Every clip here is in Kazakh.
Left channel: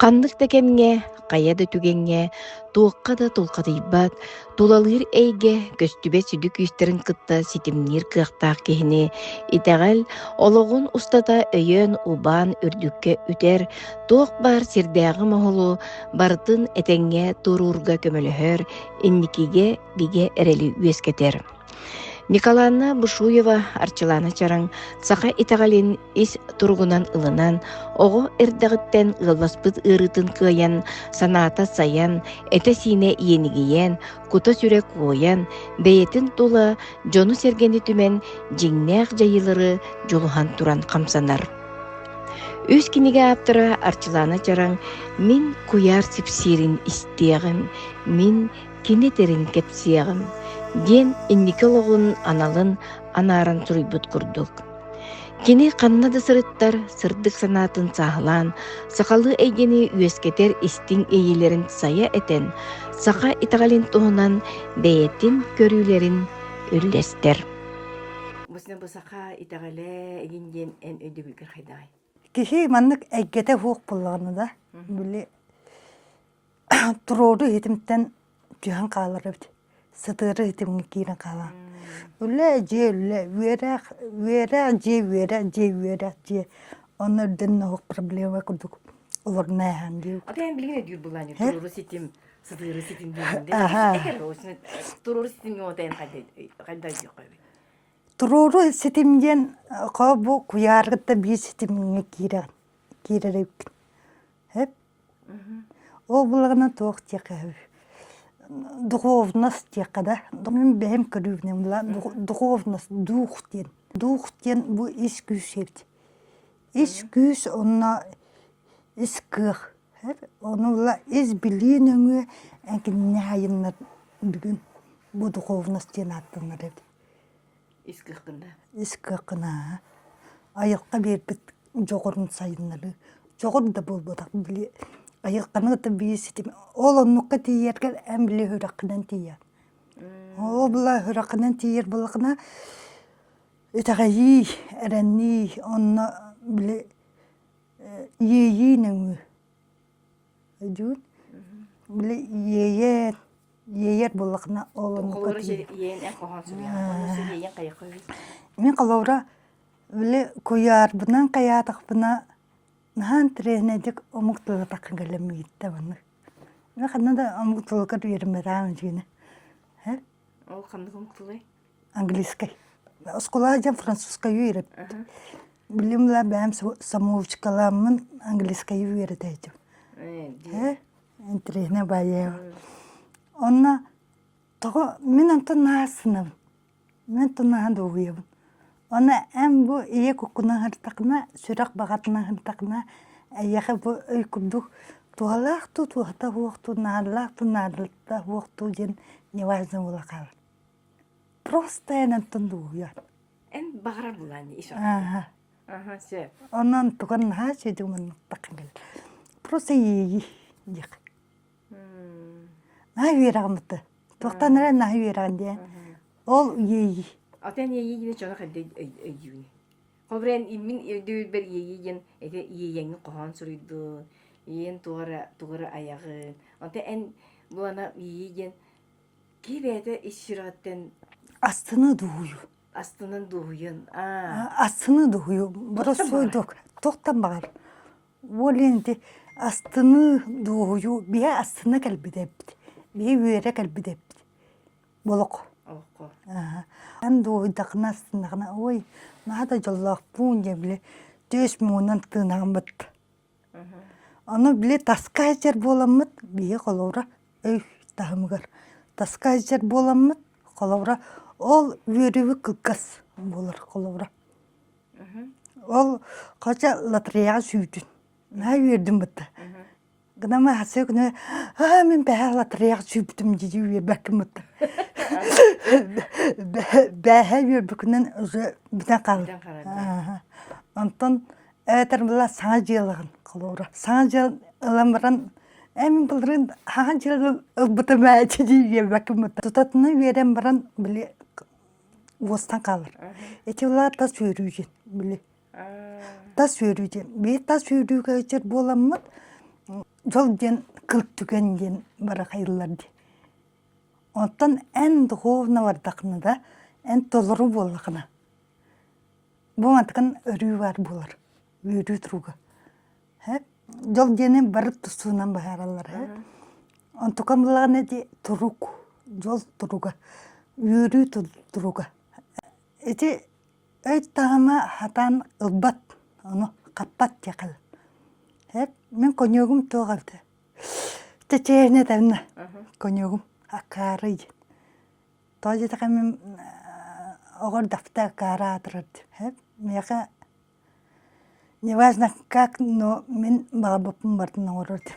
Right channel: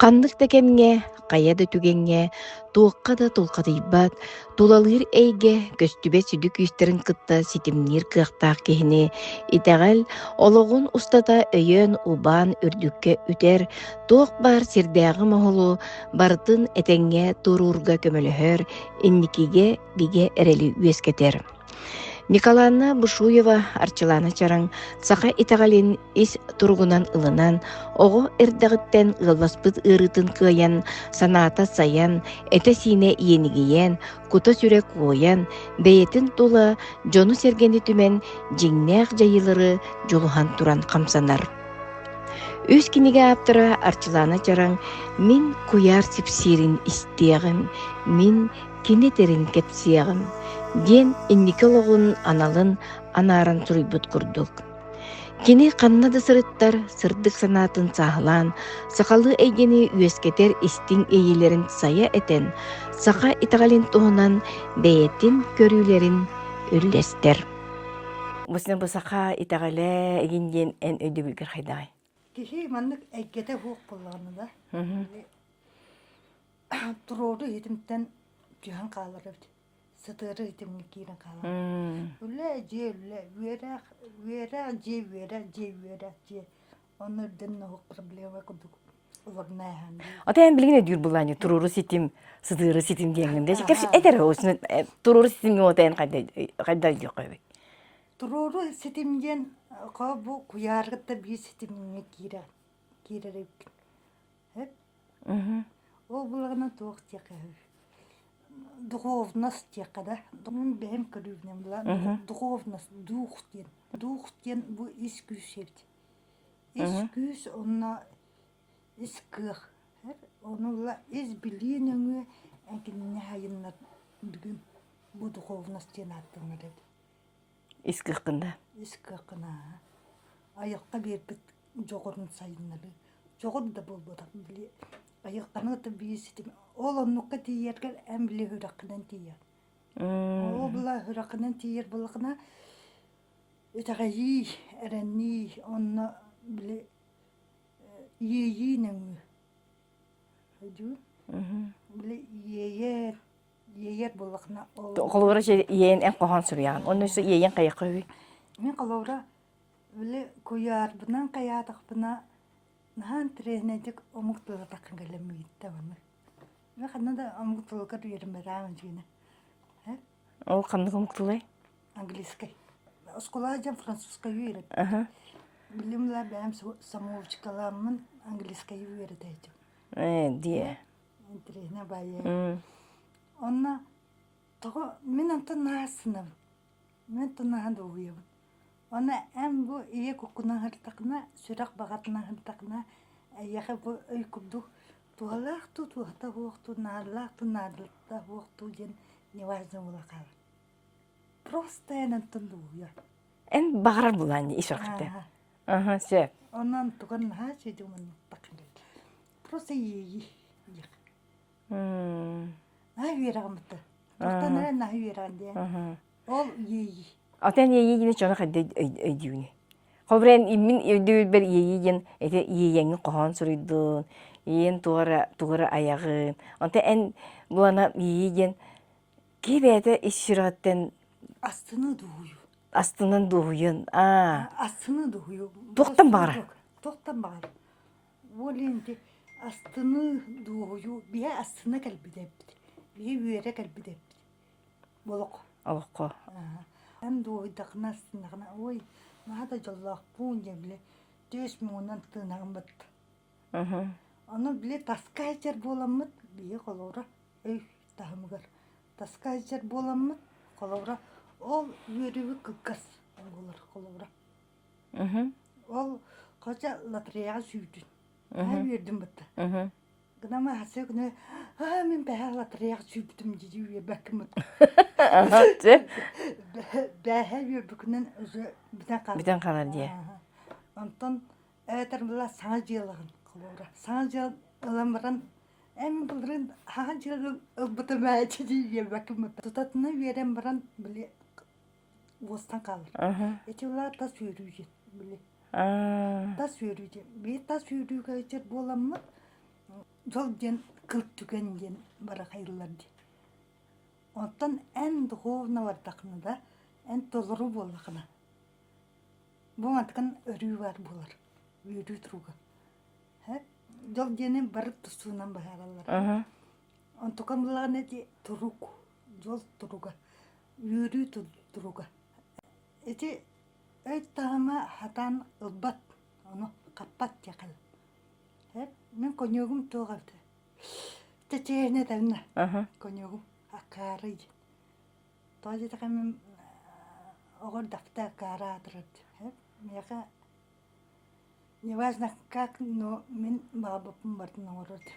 Қанлык текемге, қаяды түгенге, туыққа да тулқадыйбат, тулалыр әйге көстүбе сүдік үстерін кытта ситимнир кықтақ кехіне, итәғәл ологун устата өйен убан үрдүкке үтер, туық бар сирдәғы махолу бартын этеңге турурга көмөлөһөр, инникиге биге эрели үескетер. Николаевна Бушуева арчылана чараң, саха итагалин ис тургунан ылынан, ого эрдәгіттен ылбаспыт ырытын кыян, саната саян, эте сине иенигиен, кута сүрек куян, бәйетін тула, жону сергенди түмен, жиңнәк жайылары жолухан туран камсанар. Үс киниге аптыра арчылана чараң, мин куяр сипсирин истиягым, мин кинетерин кепсиягым. Ден инникологун аналын анарын суруйбут курдук. Кини каннады сырыттар сырдык санатын сахлан, сакалы эйгени үескетер истин эйелерин сая этен, саха итагалин туһунан бәйеттин көрүүлерин үллестер. Бусна бусаха итагале эгинден эн өдөбүлгөр хайдай. Кихи маннык әйгете хук буллаганы да. Биле туроду хитимтен жухан калары бит. Сытыры хитимге кирен кала. Үле же вера же. Онырдын хук проблема курдук. Олорна ханди. Ата эн билген өдүр буланы туруру ситим, сытыры ситим дегенде. Этер осун туруру ситимге отен кайда жок кой. Турору ситимген кабу куяргытта би ситимге киререп. Хеп. О булгана тоқ тека. Духовность тека да. Мен бем көрүнем була. Духовность духтен. Духтен бу искүшет. Искүш онна искых. Оны була из билинеңе әңгенәйннәр бүгүн бу духовностьтен аттаныр. Искыкында. Искыкына. Айыкка бербит жогорун сайыннары. Жогор да болбодак биле. Айыкканы да биситим. Ол оннукка тиергел эмбле хүраккынан тияр. Ол була хүраккынан тияр булгына. Итагаи эренни онна биле йейинең. Эдүн. Биле Ейер булгына ол. Колора же иен эм кохан сүрия. Онысы иен кайыкы. Мен колора биле куяр бунан каятак буна нахан тренедик омуктуга таккалем гитте баны. Мен ханада омуктуга бермерам жине. Ол кандай омуктулай? Английский. Школа жан французский үйреп. Билимла бәм самоучкаламын английский үйреп айтып. Дие. Тренер бая. Онна тога мен антон насынам. Мен тонан догуям. Онна эм бу ие кукуна хартакна, сүрак багатна хартакна, аяха бу ой курдук туалахту туата хуакту надлахта хуакту ген неважно булакал. Просто эн антон догуям. Эн багарар булан иш вакытта. Се. Оннан туган ха седумын такынгел. Просто ии. Наверамыты. Тоқтаныры наверан ден. Ол ей. Атен ей гине чона хадde өйдүне. Хобрен имин өйдү бер ей ген эте ейеңи кохан сүрүдүн. Иен тугара аягы. Анта эн буана ей ген кебете ишираттен Астыны дуюу. астынан дуйын. Астыны дуюу. Тоқтан бар. Оленде астыны дуюу. Бия астыны калбидепти. Бия үйере калбидепти. Болоқ. Алоққа. Ан дуйдақна астынағына. Ой, нада жоллақ буын жемле. 4 мыңнан тынағын бітті. Аны біле таскайжер боламыд. Бия қолаура өй тағымығар. Таскайжер боламыд. Қолаура ол үйереві күлкас болар қолаура. Ол қача латрияға сүйдін. Үйердің бітті. Гнама хасэ күнэ мен бэхэ латрияға сүйбітім жиди үйер бәкім бітті. Бэхэ үйер бүкінен өзі бітен қалды. Битен қалар дие. Антон әтір бұла саңа жиылығын қолаура. Саңа жиылығын әмін бұлырын хаға жиылығын бұтым әчі жиди бәкім бітті. Тұтатыны үйерен баран біле остан қалыр. Эти олар тас үйеру жен біле. Тас үйеру жен. Бе тас үйеруге жер боламыд. Жол ден кыл түген ден бара хайыллар ди. Онтан ән духовна бардақны да, ән толыру боллақына. Бұл антықын өрі бар болар, өрі тұруға. Жол денен бары тұсуынан бағаралар. Онтықын бұлағына де тұрук, жол тұруға, өрі тұруға. Эти тағама хатан ылбат, оны қаппат жақыл. Мен коньогым тоғалды. Течене тәвна коньогым акары. Тоже така мен оғыр дафта акара атырырды. Меға неважно как, но мен бабапым бардын оғырырды.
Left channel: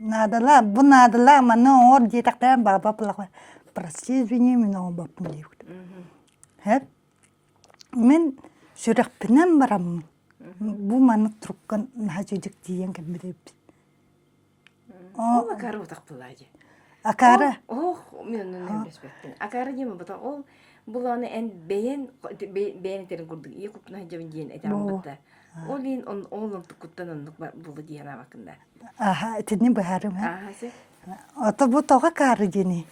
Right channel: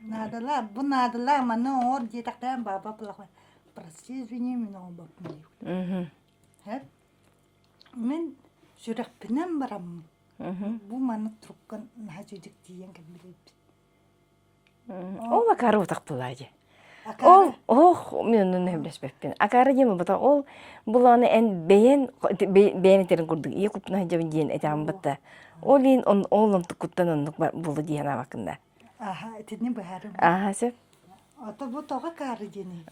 Надала, бұл надала, маны оғыр детақтарын бабапылақы. Прости, извини, мен оғыр бапым дейікті. Мен сүрекпінен барамын. Бұл маны тұрыққан нәжедік дейін кәмбірейбіз. Ол акары отақ бұлайды. Акары? Мен оны өйлеспекпен. Акары демі бұта, ол бұланы ән бәйенетерін көрдік. Ие күпіна жауын дейін әтеғым бұтта. Ол ең олын тұқыттан ондық бұлы дейін авақында. Әтінен бұхарым. Сәп? Ота бұл тоға кары дейіне.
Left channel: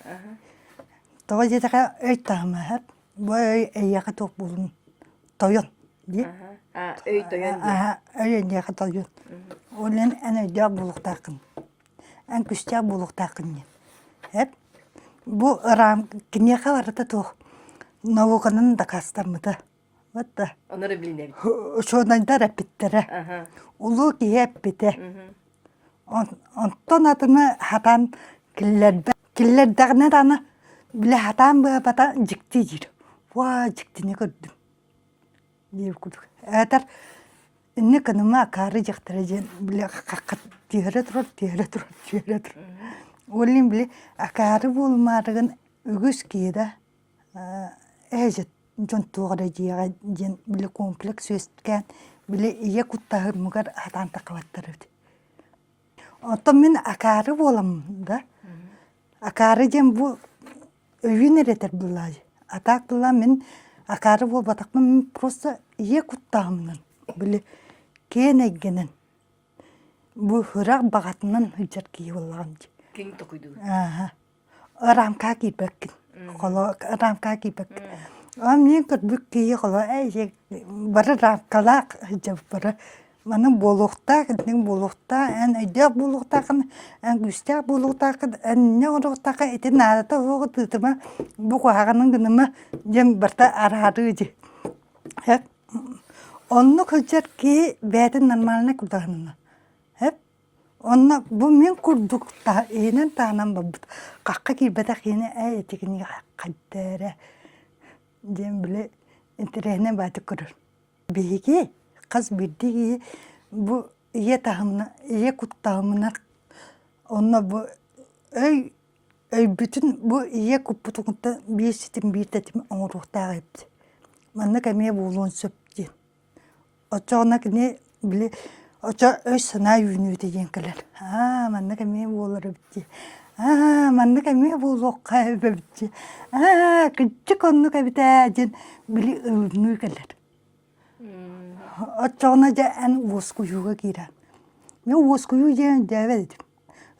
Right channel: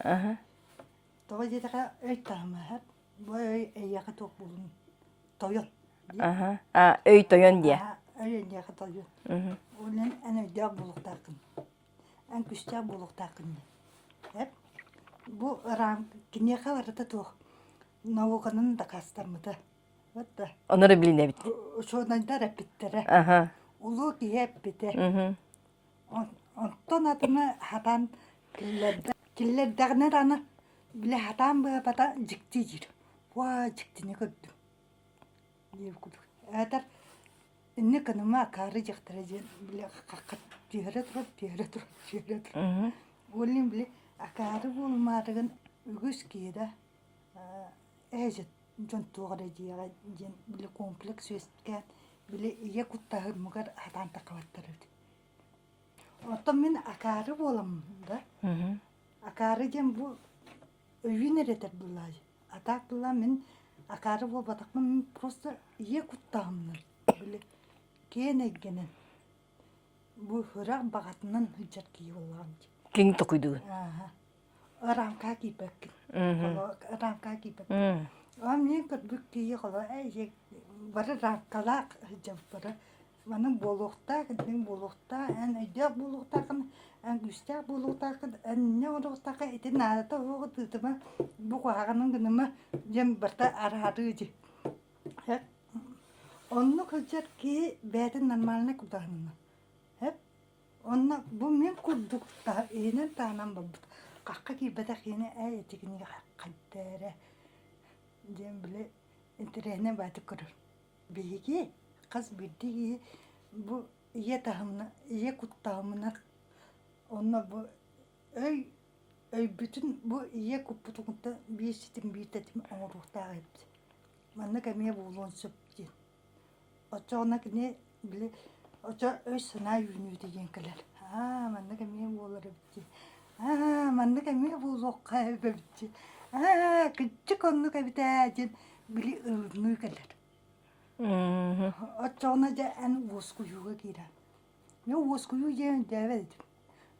Тоға жетіға өй тағымы. Бұл әйеға тоқ болын. Тойын. Өй тойын де. Өй әйеға тойын. Олен ән өйде бұлықтақын. Ән күсте бұлықтақын. Бұл ұрам кінеға барыда тоқ. Науғанын да қастармыды. Онары біліне біт. Шонайдар әпіттері. Улу кейіп біті. Онтон атыны хатан кіллерді. Кіллердіғіне даны біле хатан бұға бата жікті жир. Ва, жіктіне көрдім. Дейіп күдік. Әтір, үні күніма ақары жықтыры жен біле қаққат түйері тұрыр. Олин біле ақары болмарығын үгіз кейді әжет жон туғыры жиға жен біле комплекс өсткен біле ие құттағыр мұғар хатан тақываттыр өді. Оттан мен ақары боламын да. Ақары жен бұл өйін әретер бұлай. Атақ бұла мен ақары бол батақпын, мен просто ие құттағымынан. Біле кен әгенін. Бұл хүрақ бағатынан хүджар кейі болған. Кең тоқыйды. Ырамқа кейбәккін. Ырамқа кейбәккін. Мен көрбік кейі қолы әйек бары рамкалақ хүджап бары. Маның болуқта, кәдінің болуқта, ән өйдек болуқтақын, ән күстек болуқтақын, ән не оруқтақы, әтін надата оғы тұтыма, бұл қағының күнімі жем бірті арары өді. Онны көджер кей бәді нормалына күдағынына. Онны бұл мен күрдік, енен тағынан бабыд. Қаққа кей бәдіқ ені әй әтекіне қайдары. Жем біле интерегіне бәді көрір. Бейге қаз бірдегі бұл ие тағымына, ие құт тағымына, онына бұл өй бүтін бұл ие құт бұтыңында бір сетім бір тәтім оңыруқтағы өпті. Манна кәме болуын сөптен. Очағына кіне біле, очақ өй сына үйіні деген кілер. Манна кәме болыр өпті. Манна кәме болуыққа өпті. Күтчік онны кәбіті әден біле үйіні кілер. Отчағына жа ән оскүйуға кейран. Мен оскүйу жең дәве едім.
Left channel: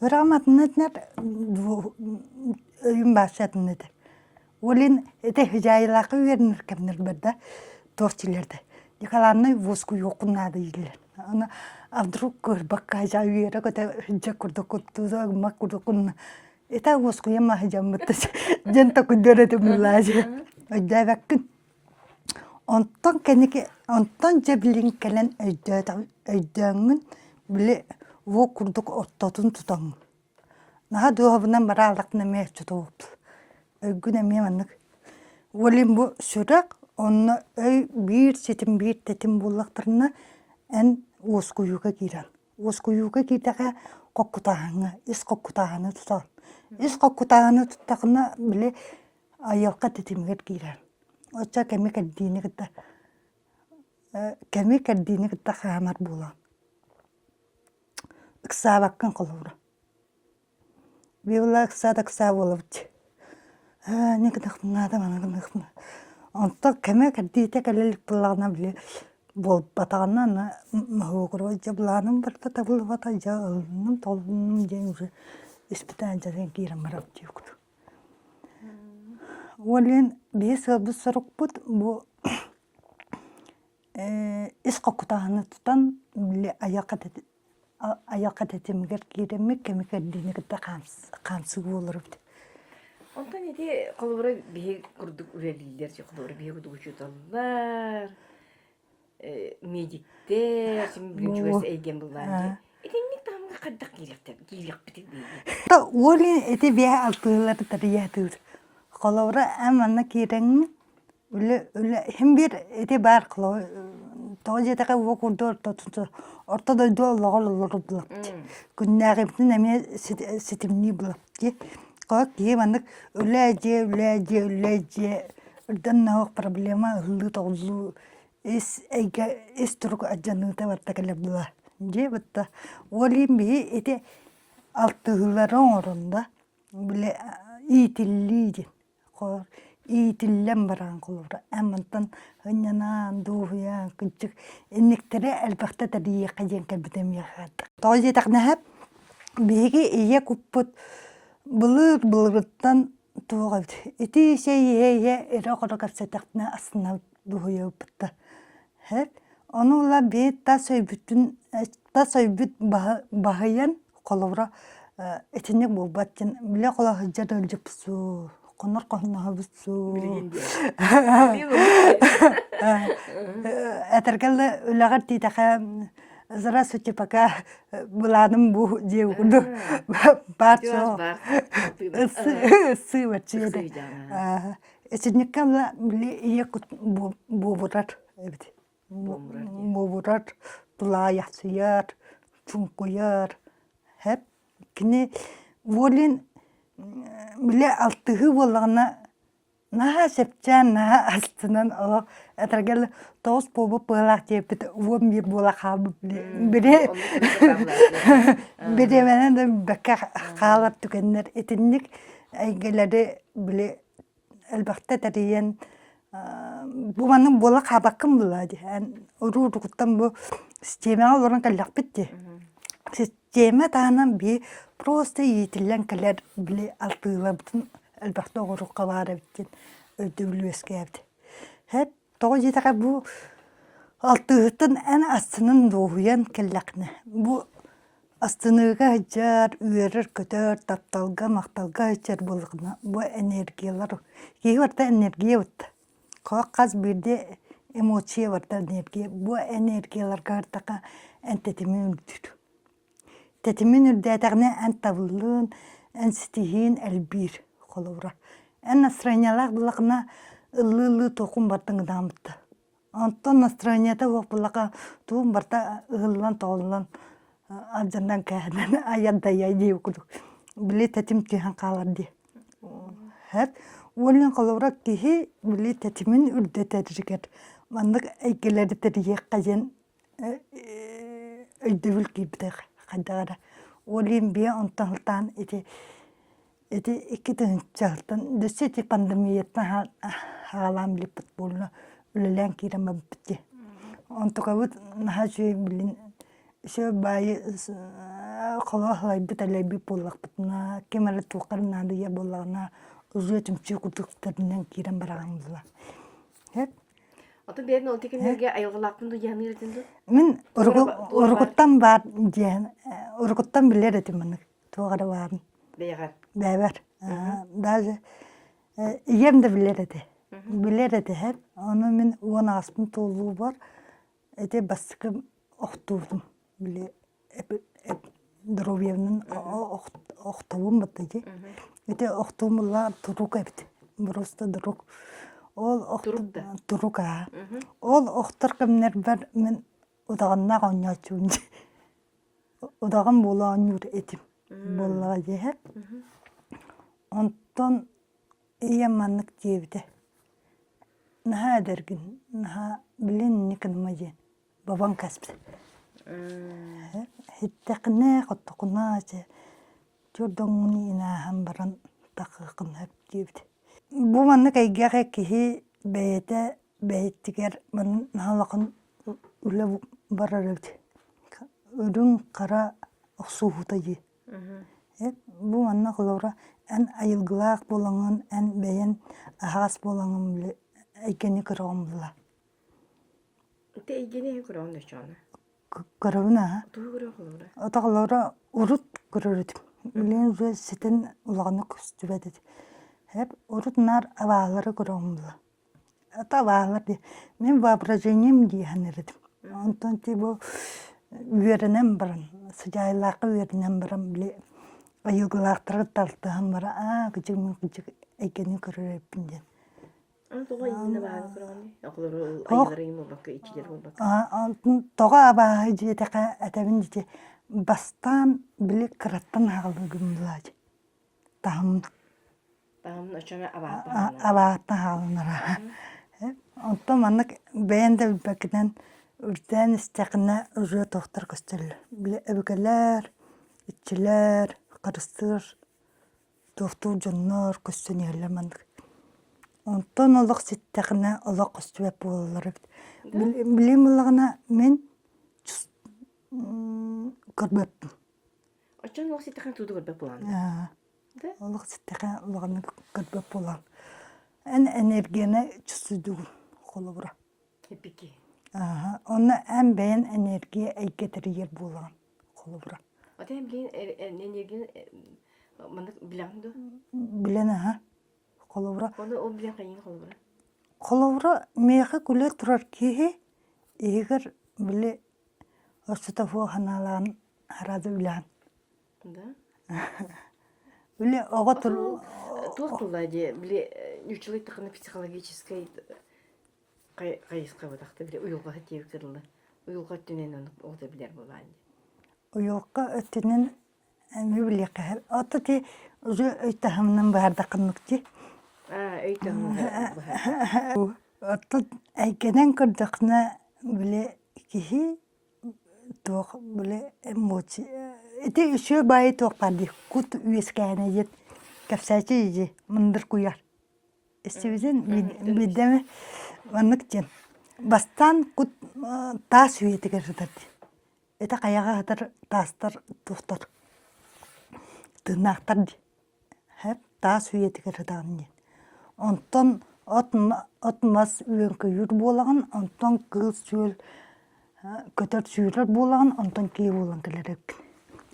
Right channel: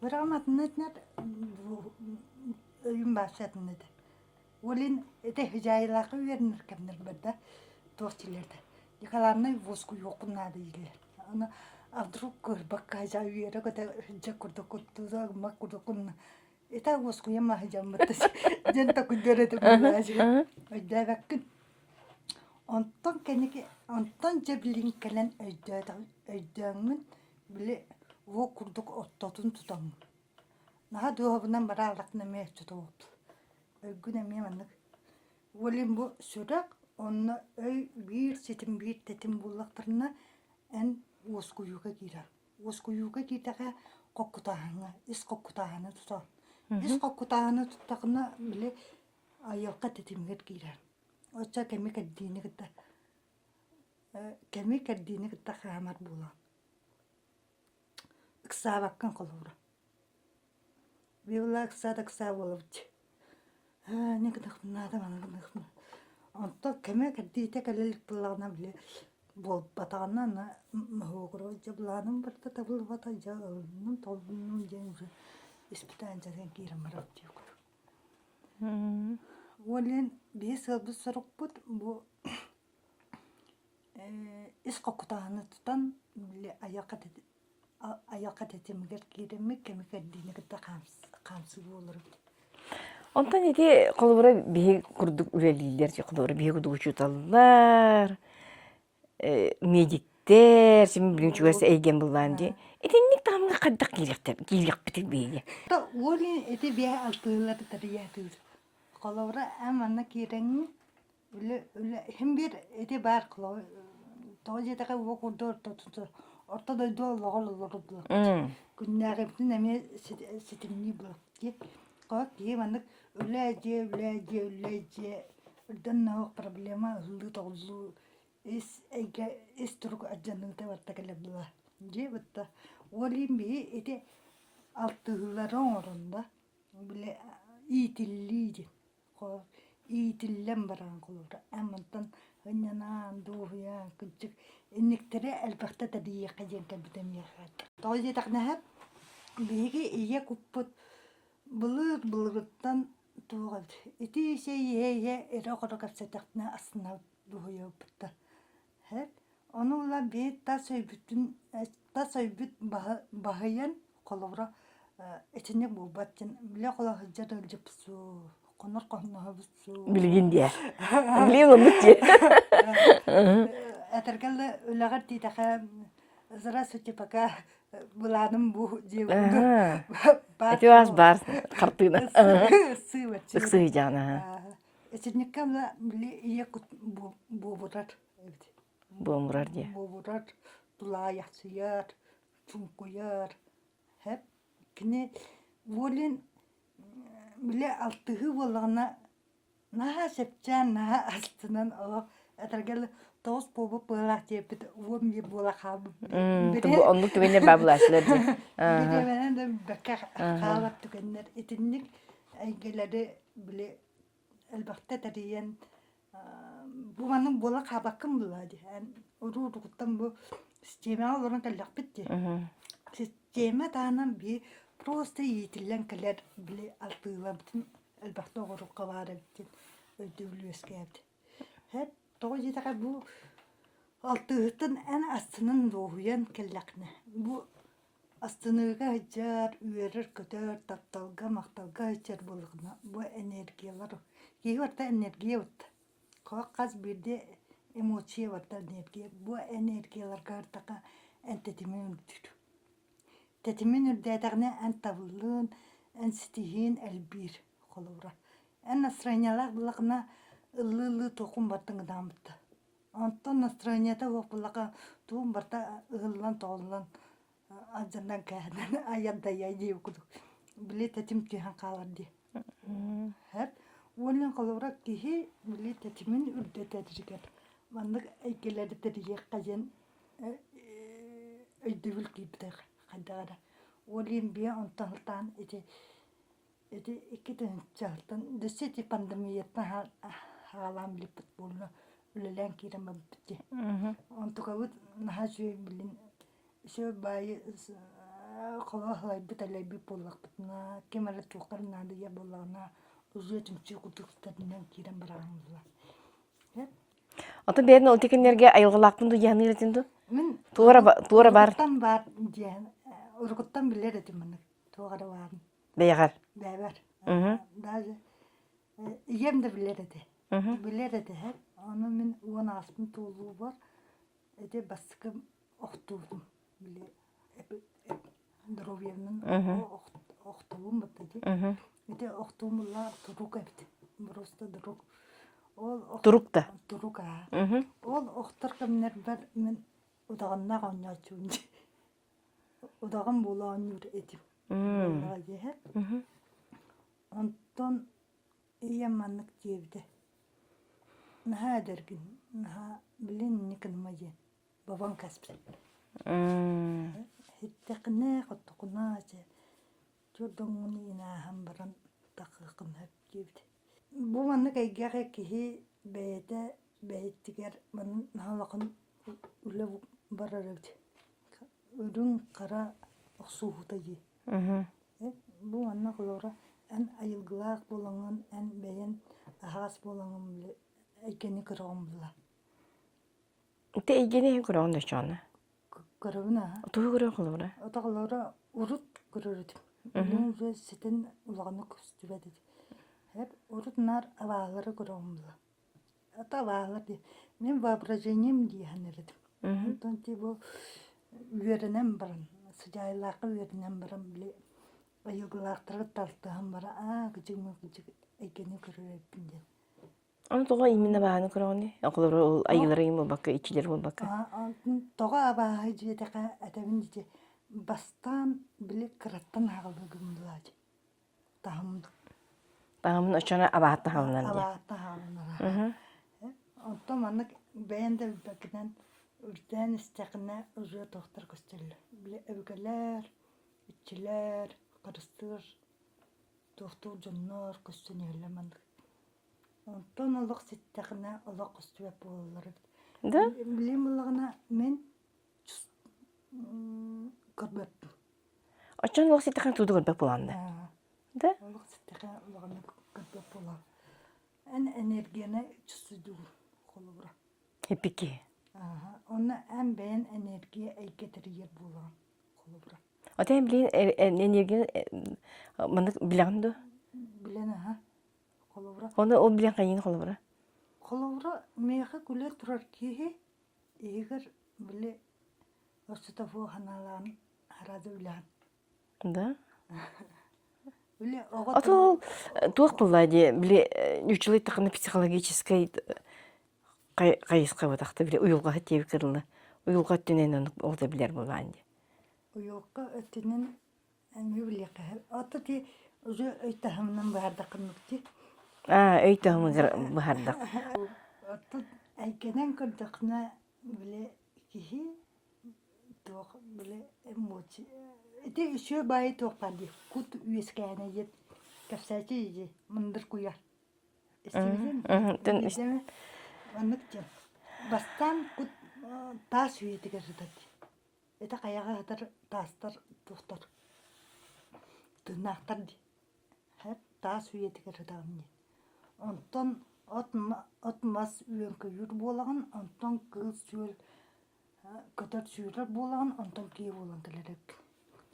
Ыраматын әтінер өйін басшатын еді. Олен әте жайлақы өрінір кәмінер бірді тоқчилерді. Екаларына оскүйу оқынады елер. Ана авдрук көрбақ қажа үйері көте хүджа күрді күттізі ұғымақ күрді күнна. Әте оскүйу ма жан бұттыз. Жента күндер әді бұлажы. Өйдәвәккін. Онтан жебілін кәлін өйдөңін біле о күрдік оттотын тұтамын. Наға дуғабынан бара алақына мәк жұты опыл. Өйгін әме манық. Олен бұл сүрек, оны өй бір сетім, бір тәтім болақтырына ән оскүйуға кейран. Оскүйуға кейдіға қоққытағаны, іс қоққытағаны тұтағын. Іс қоққытағаны тұтағына біле айалқа тәтімгер кейран. Оча кәме кәрдейіні кітті қамар болам. Үкса баққын қолуыра. Бейула үксада үкса болуыды. Не кініқпін адам, ана кініқпін. Онтан кәме кәрдейті кәлелік болағына біле. бол батағанна махугро жабланым барта табыл бата жаылным толным ден уже испытание жазен кирем барап жүйкүт. Олен бес абыз сорокпут бу ис кокутааны тутан биле аяка тетемгер киремек кемекер динегде камсы болур. Онтан эти колбура бии курдук үлелилер же колбура бии курдук учуталлар. Медиктер, сим билүүчү көрсө эйген буллаан ди. Этинник тамга каддак кийлик битик бийге. Та олен эти бие алтылар тарыятыр. Коловра аманна кирең үле хем бир эти бар кыло. Тооже така вокурдор тотунчу ортодо доллогол булат. Күннәгебнин эме ситимни булат ки. Кок ки мандык үлеже үрдөн наук проблема ылды тогузу эс турук аджаныта бартакале була. Же бутта олим би эти алтыларын орунда биле итилли кор итиллен баран колора амантан хынянан дуя күчүк энектере албакта тадия кайен калбитем яхат. Тооже такнахап биги ие куппут Булырыттан туғабд. Эти сей эре қорақарсатақна астына дуғыя бұтта. Оны ола бейт та сөйбіт бағайан қолуыра этинек болбаттен. Біле қола хыджар өлжіп су, қоныр қонуға бұсу. Білген де. Білген ұмыт де. Әтіргілі өлағар дейтаға Здравствуйте, пока буланым бу девуду. Бар. Картина. Сывачы. Сыйжана. Эсинеккала биле иекут бубурат. Бубурат. Була яхсыяр, чункуяр. Хеп кине волин биле алтыгы болғана наха сепчан, наха астынан о әтіргел тоғыз побы пылақ жепіт уым бир бола қабы біре менен де бәкке қалап түкендер етіндік әйгелері біле әлбақта тәрейен бұманың бола қабаққым болады. Ұру ұруғыттан бұл системаға оларын кәллақ бітті. Система тағынан бей просто етілен кәлер біле алтығыла бұтын әлбақта оғырыққа бары біттен өйді білу өске әбді. Хәп тоғы жетіға бұл алтығыттың ән астының доғуян кәлләқні. Бұл астыныға жар, үйерір, көтөр, тапталға, мақталға жар болығына. Бұл энергиялар. Кей варда энергия өтті. Қоқ қаз бірде эмоция варда энергия. Бұл энергиялар ғартаға ән тәтімен үрдір. Тәтімен үрді әтіғіне ән табылын, ән стихин әлбір қолуыра. Ән настроениялар бұлақына ылы тоқым бартың дамытты. Антон настроенията оқ бұлақа туым барта ылылан тоғылан абжандан кәден аяддай айдей өкілік. Біле тәтім түйген қаларды. Олен қолуыра кейі біле тәтімен үрді тәржігер. Мандық әйкелері тәрге қажен өйдөбіл кейбітер қадағара. Олен бе онтан еті iki tınçaltan düseti pandemiyattan halam lipet bolna ulan kirama bitti. Onto kavut nahaşı bilin şu bay kalahlay bitalay bir polak bitna kemal tuqarna diye bolana uzuyetim çıkıtıklarından kiram barağımızla. Hep Ota berin o tekinlerge ayılgılaqpın duyağını eretindi? Min urguttan var diyen urguttan bilir etim tuğara var. Beygar. Beyber. Даже ем de bilerdi. Bilerdi hep. Onu min 10 asmın toluğu var. Ete basıkım okturdum. Bile Drovye'nin oktuvum batıcı. Ete oktumullar turuk hepti. Burası turuk. Turuk da? Turuk ha. Ol oktur kimler var min odağına kanyaçunca. Odağım bolan yur etim. Bollağı hep. Ondan iyamanlık diyevdi. Naha dergin, naha bilin nikinmajen. Baban kasbı. Hittekne qottuqna se. Jordonguni ina hambaran taqıqın hep diyevdi. Bu manlık aygaqa kihi beyte beytiger man halaqın үле барарыд. Өрүн кара оксуутайы. Бу манна кылора эн айылгылаак болаңын, эн бэйен ахас болаңын биле айкени кырагым була. Те эйгене көрөң да чана. Кырабына. Туу көрөң кылыбыра. Отагалора урут көрөрүд. Үлен жө сетен улаганы көстүбәдет. Хеп урут нар аваалары көрагым була. Ата аваалар ди. Мен воображением диянердим. Онтон ти бу үйеренем баран. Сыжайлакы үйеренем баран биле айылгылаактыры талтаһан бара. Кычык айкени көрөрөппүн ден. Аны тога именно бааны көрөңни. Акылары ол айылары им болбакка, ичилер болбакка. Тога абааһы диетека атабын дите бастан биле кыраттан хаалыгым булааж. Тахым Тагымын очона абаатта хаалар. абаатта хаалынара. Онтон маннык бэйэнде билбекинен үрден истекіне үрі тоқтар көстелі. Биле әбікелер, итчилер, қарыстыр, тоқту жоннор көстенерлер мандык. Онтон олық сеттекіне олық көстебеп болалар. Билем олығына мен көрбеппін. Очон олық сеттекен туды көрбек боланды. Да? Олық сеттекен олығына көрбеп болан. Ән энергияны чүсүдүгүн қолы бұра. Хеппики. Оны ән бәйін энергия әйкетірігер болған қолы бұра. Отен билен энергия мандык биланды. Білен қолы бұра. Оны ол билен кайын колы бара. Қолы бұра меқі күлі тұрар кейі егер біле осытафу ханаларын арады білен. Да? Біле оға Ото туак буллади биле үчүлөй такына психологической кайыска батакта биле уюлга хатеп кырылды. Уюлга түнен ол да билер булганди. Уюлга өтүнен эми биле кахар. Ото ти уже өйтахымнан баарда кынныкти. Өйтахымын баарда. Ото айкенен көрдөкнө биле кихи тох биле эмоци. Эти еще бай тох пади. Кут үескәне жет. Капсачы же мындыр куяр. Истебезен бидеме ваннык тем. Бастан кут тас үйеті кәрдірді. Это қаяға қатар тастар тұқтар. Тырнақтар ди. Хәп тас үйеті кәрдірді. Онтон отмас үйенкі үйір болаған, онтон кыл сүйел көтөр сүйелер болаған, онтон кей болған кілерек.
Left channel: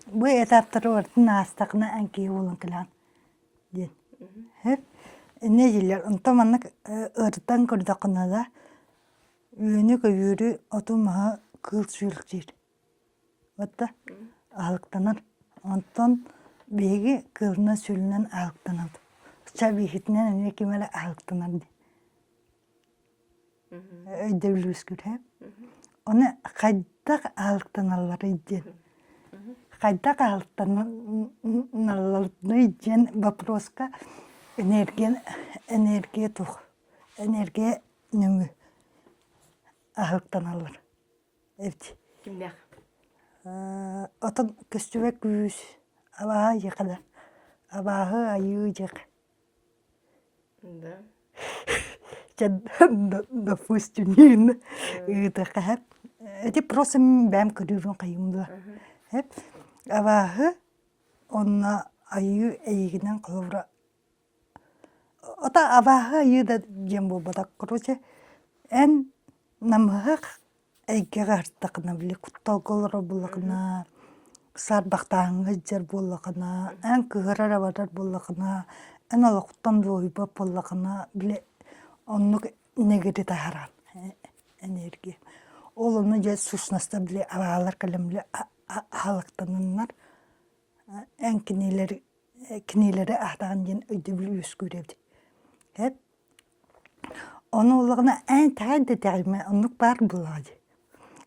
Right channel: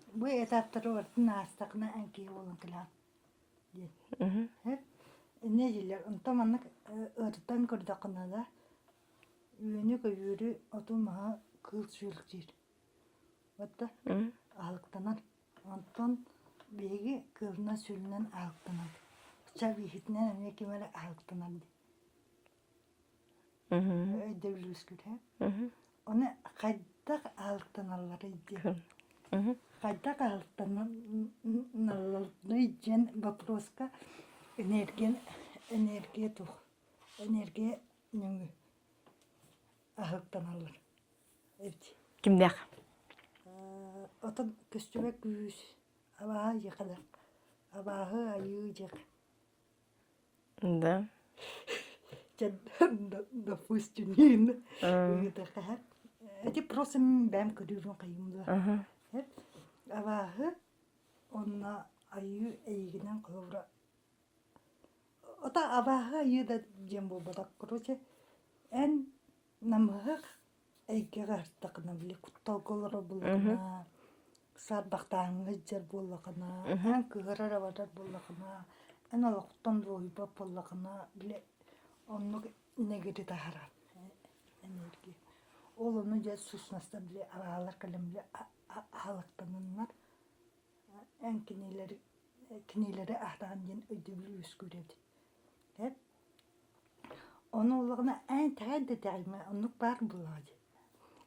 Бұл этаптары ордың астақына ән кей болған кілан. Хәп не жилер, онтон маннық ұрттан көрдіқына да үйені көйірі отымаға кыл сүйел жер. Отта алықтанар. Онтон беги кылына сүйелінен алықтанады. Чабихитнен әне кемелі алықтанады. Өйді білуіз көрі. Оны қайдақ алықтаналар үйден. Қайдақ алықтаналар үйден вопроска энергия тух. Энергия нөмі алықтаналар. Әвді. Кимдәк? Отын көстүбек күйіз. Абаға жеқада. Абаға айы жеқ. Да. Допустим, это как. Это просто бэм көрүрүн кайымды. Абаға онна айы эйгинен кылыбыра. Ота абаға айы да жем болбадак. Короче, эн намыгак эйге гартакына биле кутталголора булакына. Сарбақтаңыз жер боллақына, ән кығырара барар боллақына, ән алақыттан дойба боллақына, біле онық негері тағаран энергия. Ол оны жер суснаста біле авалар кәлем біле алықтанынлар, ән кінелері ақтаған ден өйді біле өз көревді. Оны олығына ән тәғайды тәғілме, онық бар болады.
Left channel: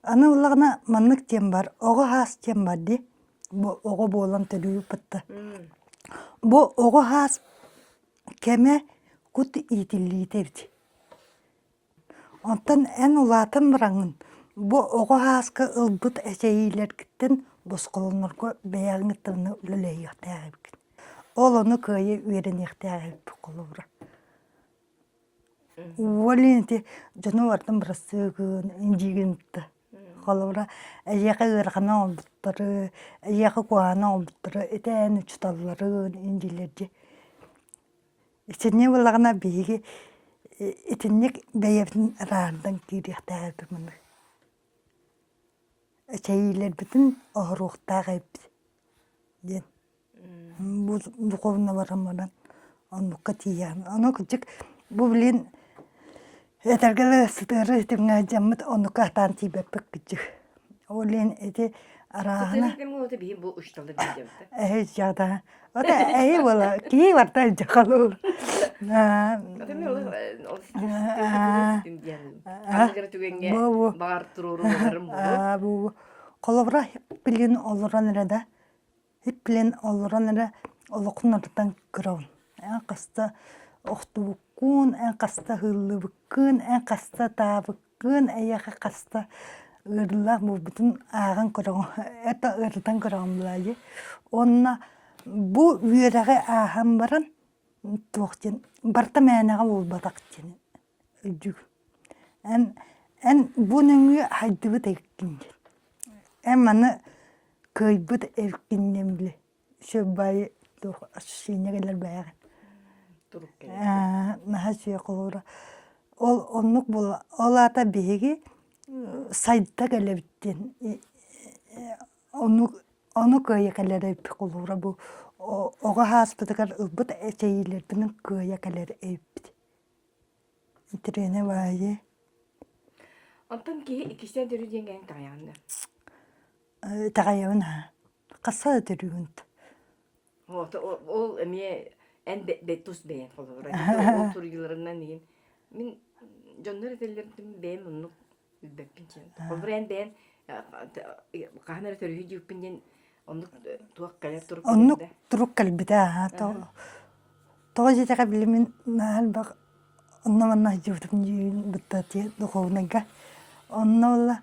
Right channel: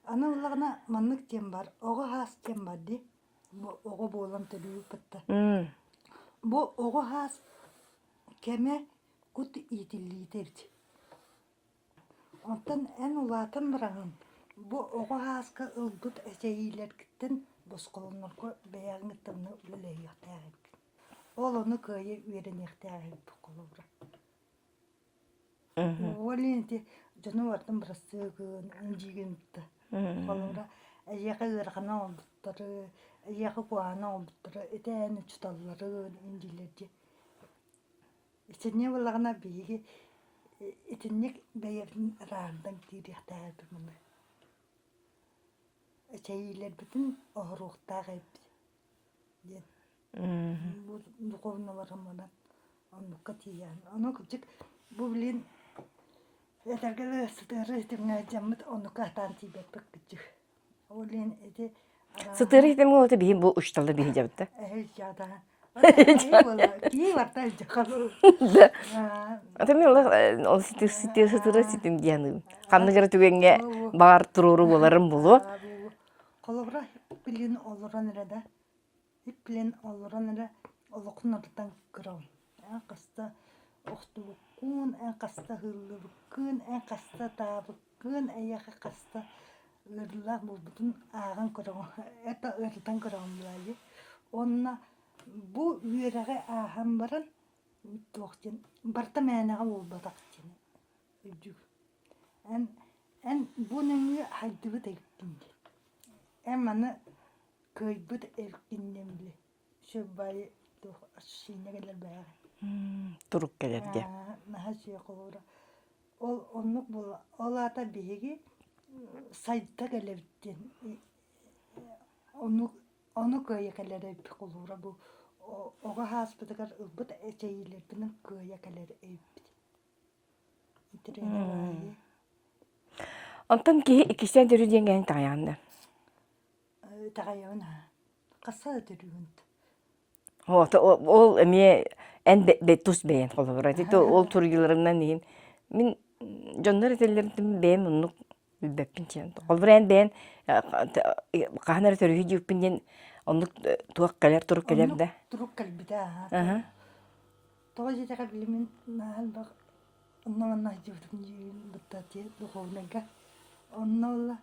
Оны олығына манық тем бар, оғы хас тем бар де. Бу оғы болан төлüyü пытты. Бу оғы хас кеме күт итилли терді. Онтан ән улатын біраңын. Бу оғы хаска ылбыт әсейлер кіттін босқолынырға бәяғын тұны үлілей яқтағы бікін. Ол оны көйі үйерін яқтағы бік қолы бұра. Уолин те жануартын брасыгын инжигинта. Холора аяка ыргана олбуттары, аяка куана олбуттары, этен чуталларын инжилерди. Итенне булагана биги итенник бәйәптен раардан кирихтаа бимны. Чәйлер бүтін оруқтаа гайып. Ден. Бу духовна барамаран оннукка тиян. Оно күчик бу билин этергеле сытыры тимге жаммыт оннукка атан тибеппек күчик. Олен эти ара. Сытыры тимге оты бейін бұл ұшталды бейін жабытта. Жада. Ora bola, ki varta jakalo. Ата мен ол сытыр диянын. Канныгыр түгенге бар туруру боларым болу. Бу колобра билин олоран эрада. Хиплен олоран эра олокуннартан кырон. Каста охтубуккун, каста хыллыбыккын, каста табыккын, аяка каста ырла бу бүтүн аган кырон. Это ыртан кырон булайы. Онна бу үйрәгә аһам баран тоқтен барта мәнәгә ул батактен үҗү эн буның хайдыбы теккин маны көйбүт эркиннен биле шөбай тох ашинегелер баяган Турук келет. нахаси колора ол оннук бул олата биги сайта келептен Onu köye kalere epik olur bu. Oğa haspatakar ıbbıt şeylerden köye kalere epik. Trene vayı. Ondan ki ikisinden dörüden gelin tayandı. Tağayavın ha. Kasa dörüğünt. Ol emiye en betus beğen olur. Ol turgilerimden deyin. Min canlar etellerimden beğen onluk bilbepin çen. Olur en beğen kahnar törüğü cüppinden onluk tuğak kaler turuk Onluk kalerdi. turuk kalbide ha. Toğacı tağa bilimin nahal bak. Onunla nah cüvdüm cüvün bıttatiye duhovnaga. Onunla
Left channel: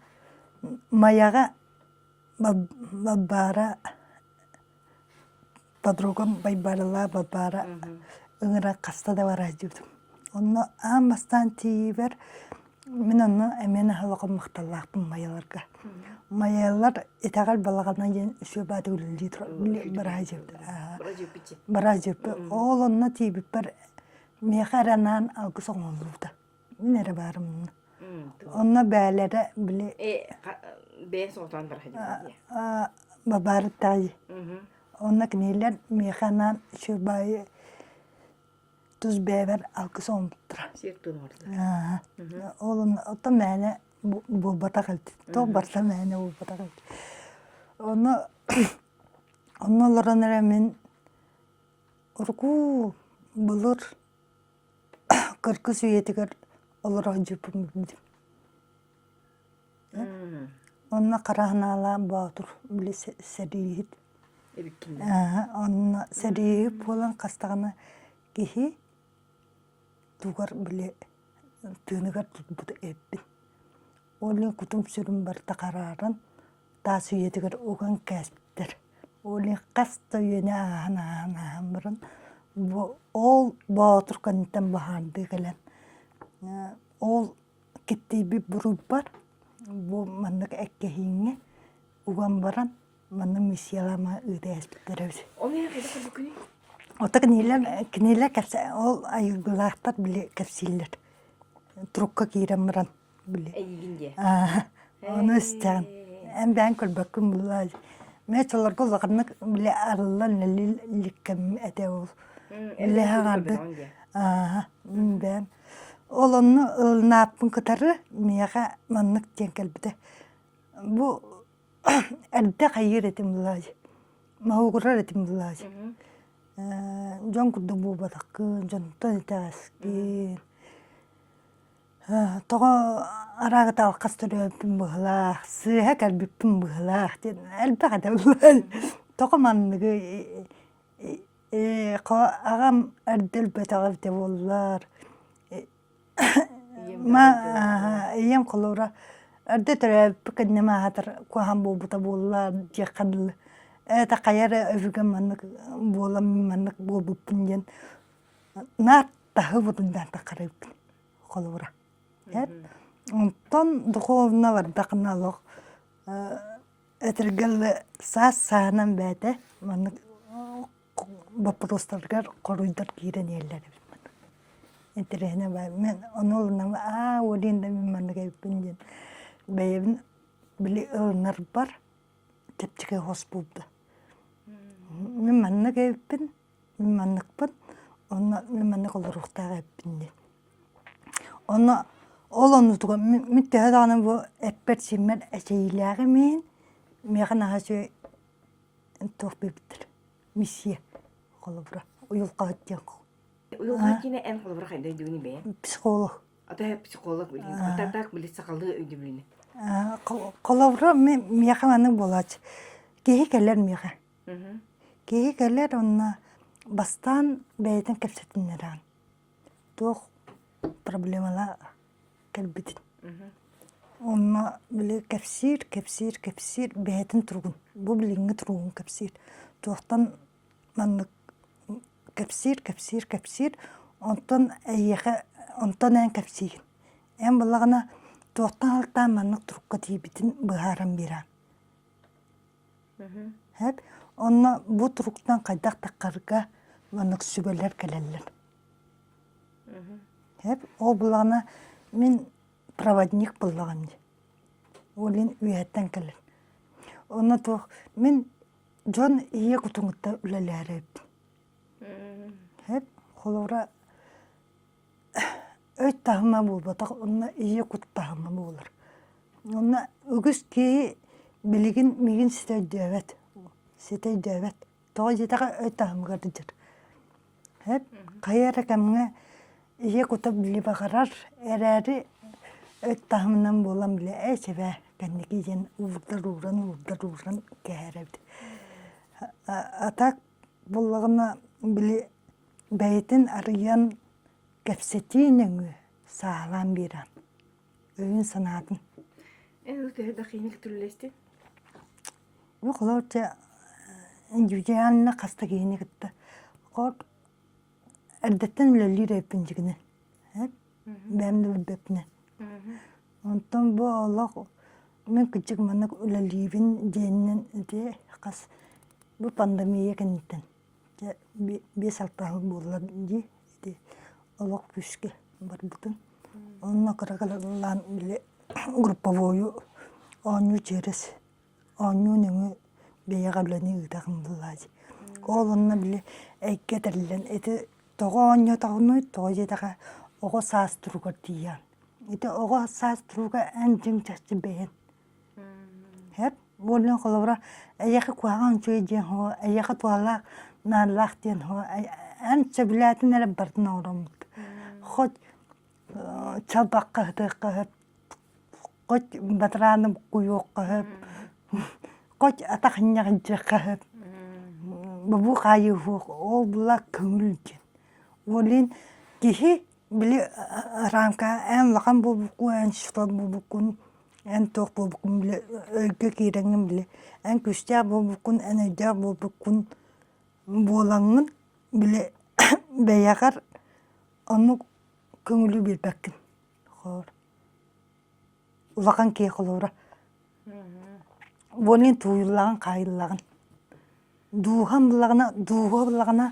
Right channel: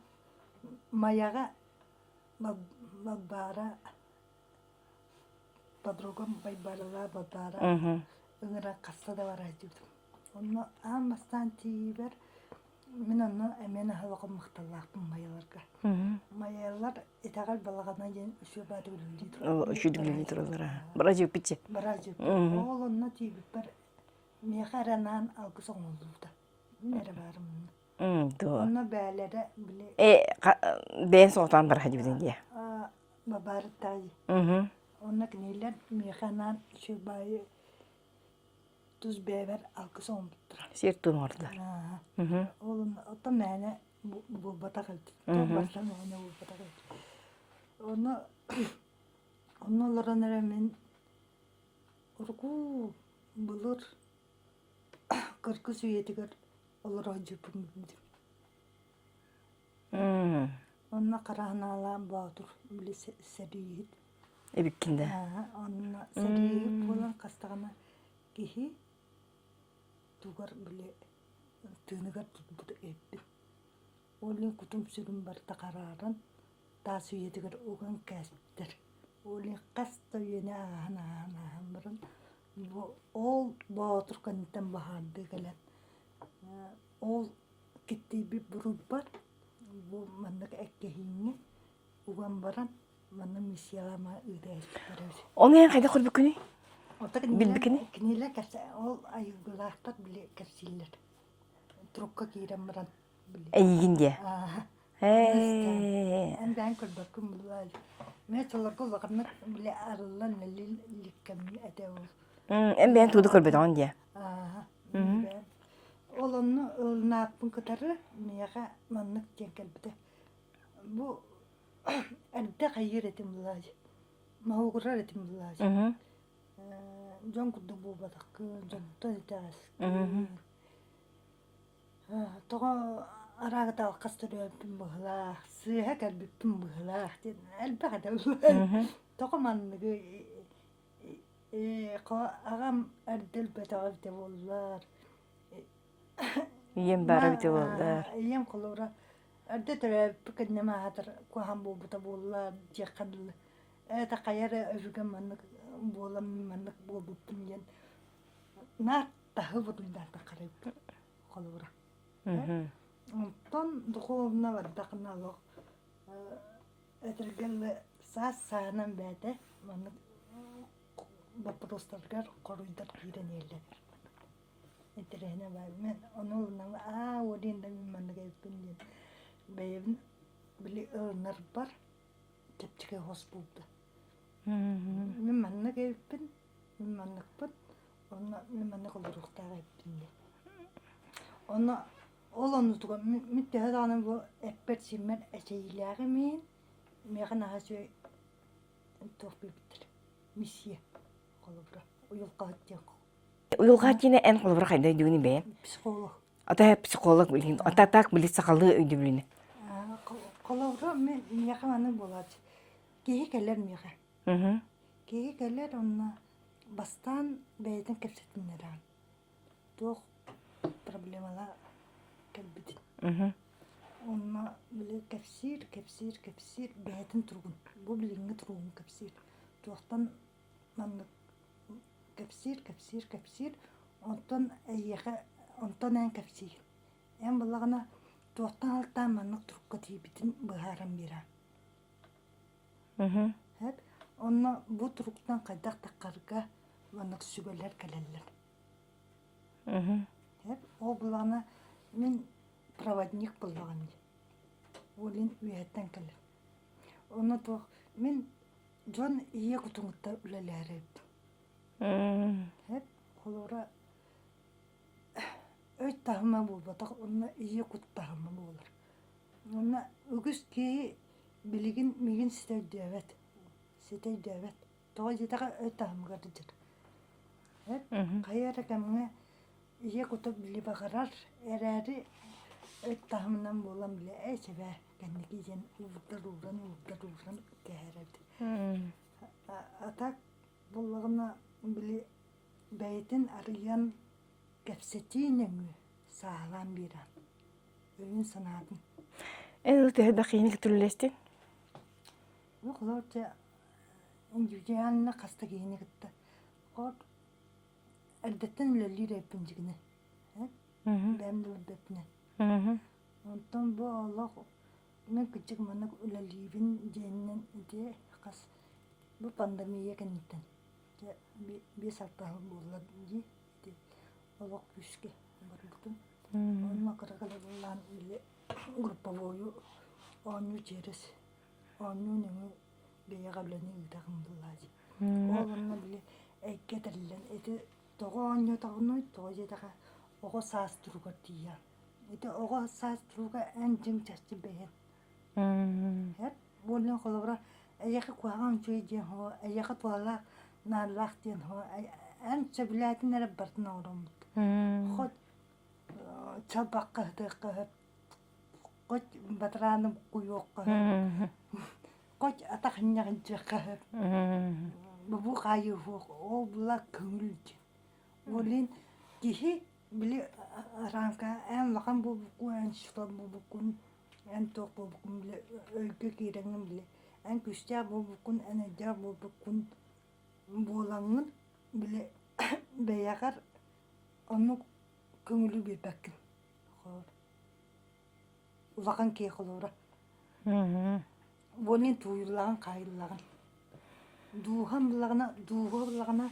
mayaga babara padrogam baybarala babara ıngıra kasta da var cüvdüm. Onunla amastan tiber Мен аны әмен халыққа мақталақпын майаларға. Майалар итағал балағана ен үші бады өлілді тұр. Бразил питче. Бразил. Ол онына тейбіп бар меқаранан алғы соң олуды. Нері барым. Онына бәлері біле... Бәйін соғытан бар хәді білін де. Бабары тайы. Онына кінелер меқанан үші байы Tuz bäber alkıs olmuştur. Sertun orada. Oğlum o da mene bu batakıldı. To barsa mene bu batakıldı. Onu olaran emin orku bulur. Kırkız üyetiger olur acıpım bildim. Onunla karahanalan bağdır. Bile seriyit. Ebikkinde. Onunla seriyip olan kastağına gihi Tugar bile tünegar tutbut ebbin. Olin kutum sürüm bar takararan tasu yetigar ogan kesbiter. Olin kasta yene ahan baran. Ol bağıtır kanıtan bahandı gelen. Ol gitti bir burup bar. Bu manlık ekkehinge ogan baran. Manlık misyalama öde esbiter. Onu yan kayda kurdu kuni? Ота книле кәпсә ол айгылахтар биле кәпсиллер. Трукка киремран биле. Әйгенде. Оны стән. Әм бән күлбәккүм булай. Мәчәләр гылгырны биле арыллан ликкәм әтә ул. Әм бән туды күлбәдә онде. Бән. Ол онны ылнапын кытары мияга маннык тен кәлбәдә. Бу әлдә хайыр этим булай. Маугырар этим булай. Жон курду бу батаккын, жон тонитаскин. Тога арагыта алкастырыппын быхлах, сыха калбиппын быхлах. Әлбәға да булар. Тога манныгы агам әрділ бәтағал де болар. Ием қолура. Әрді түрәп кәднема хатыр кухан болбута болар, жеқадылы. Это каяра öfügen manlık bolam manlık bol bupun yen. Nar tahı budundan takarıp. колура. Онтон духовна вардақналог этергел саас саанан бәте маны вопростаргар коруйдар кирен еллер. Этерехне бай мен онолна олинда мен маны кеппин бәйбин били ырнар бар тепчиге хос булды. Мен маны кеппин мен маныкпын онна мен маны колуруктага кеппин. Онна Олон туга митте хадана бу эппет симмер эсейләге мен мегана хасы тохбиттер. Миссия колобра уйулга хаттяк. Уйулга хаттина эн колобра кайда дүүни бе? Психолог. Ата психолог билин. Ата так билит сакалы өйдү билин. Колобра мен меганы болач. Кеге келер мега. Кеге келер онна бастан бейтен кепсетиннеран. Тох проблемала келбитин. Онна биле кепсир бәйтін тұрғын. Бұл біліңгі тұрғын кепсир. Тоқтан манны кепсир. Онтан ән кепсиген. Ән бұлағына тоқтан алттан манны тұрыққа дейбітін бұғаран беран. Онна бұл тұрықтан қайдақ таққарға манны сүбелер келелер. Ол бұлағына мен проводник болғанды. Олин үйәттен келер. Оны тоқ, мен жон ие күтіңітті үлелері өп. Қолуыра өйт тағыма болбатақ, оны ие күт тағыма болыр. Оны үгіз кейі білігін меген сетей дөбет. Тоғы жетіға өйт тағымға жүр. Қайыр әкімге ие күті білі бағарар, әрәрі өт тағымынан болам біле, әсебә кәннекі ен ұвырдар ұран кәрәбді. Атақ болағына білі бәйтін арыян кәпсетейін өңі сағалан беран. Өйін санадың. Ән өте қиынлық түрлесті? Жоқ, оларча жүжеянына қаста кейіне күтті. Қор әрдеттен үлелер өпін жігінен. Бәмді үлбепінен. Онтан бұл олақ мен күчік манық үлелейбін дейінен де қас бұл пандемия кәнеттен. 5-6 болар де олақ күшке бардықтың. Онына қырағылан біле групповою оңю черес. Оңю нөңі бейеғаланы ұйтағын бұлады. Ол онына біле әйке тәрілен. Әті тоғы оңю тағыны тоғы жетіға оғы саас тұруға дейін. Әті оғы саас тұруға ән жың чашчы бейін. Болын қолыбыра әйеқі қуаған жөй ден хо, әйеқі туалақ нарлақ ден хо, ән сөбіләтін әрі бардың аурамыд. Қот чалбаққа ғытыққа, қот батыраным құйоққа, қот атақынняға жаққа, бұбу қайы хоқ, ол бұла көңіл ден. Болын кейі білі рамка ән лаған бұбықу, ән шықтал бұбықуын, ән тоқ бұбықуын білі, өйгі кейреңін білі, ән күштя бұбықуын, ән өйдя бұбықуын болаңын білі бәйәғар оны көңілі бербәккін. Улаған кей қолуыра. Болын туйылағын, қайылағын. Дуған бұлағына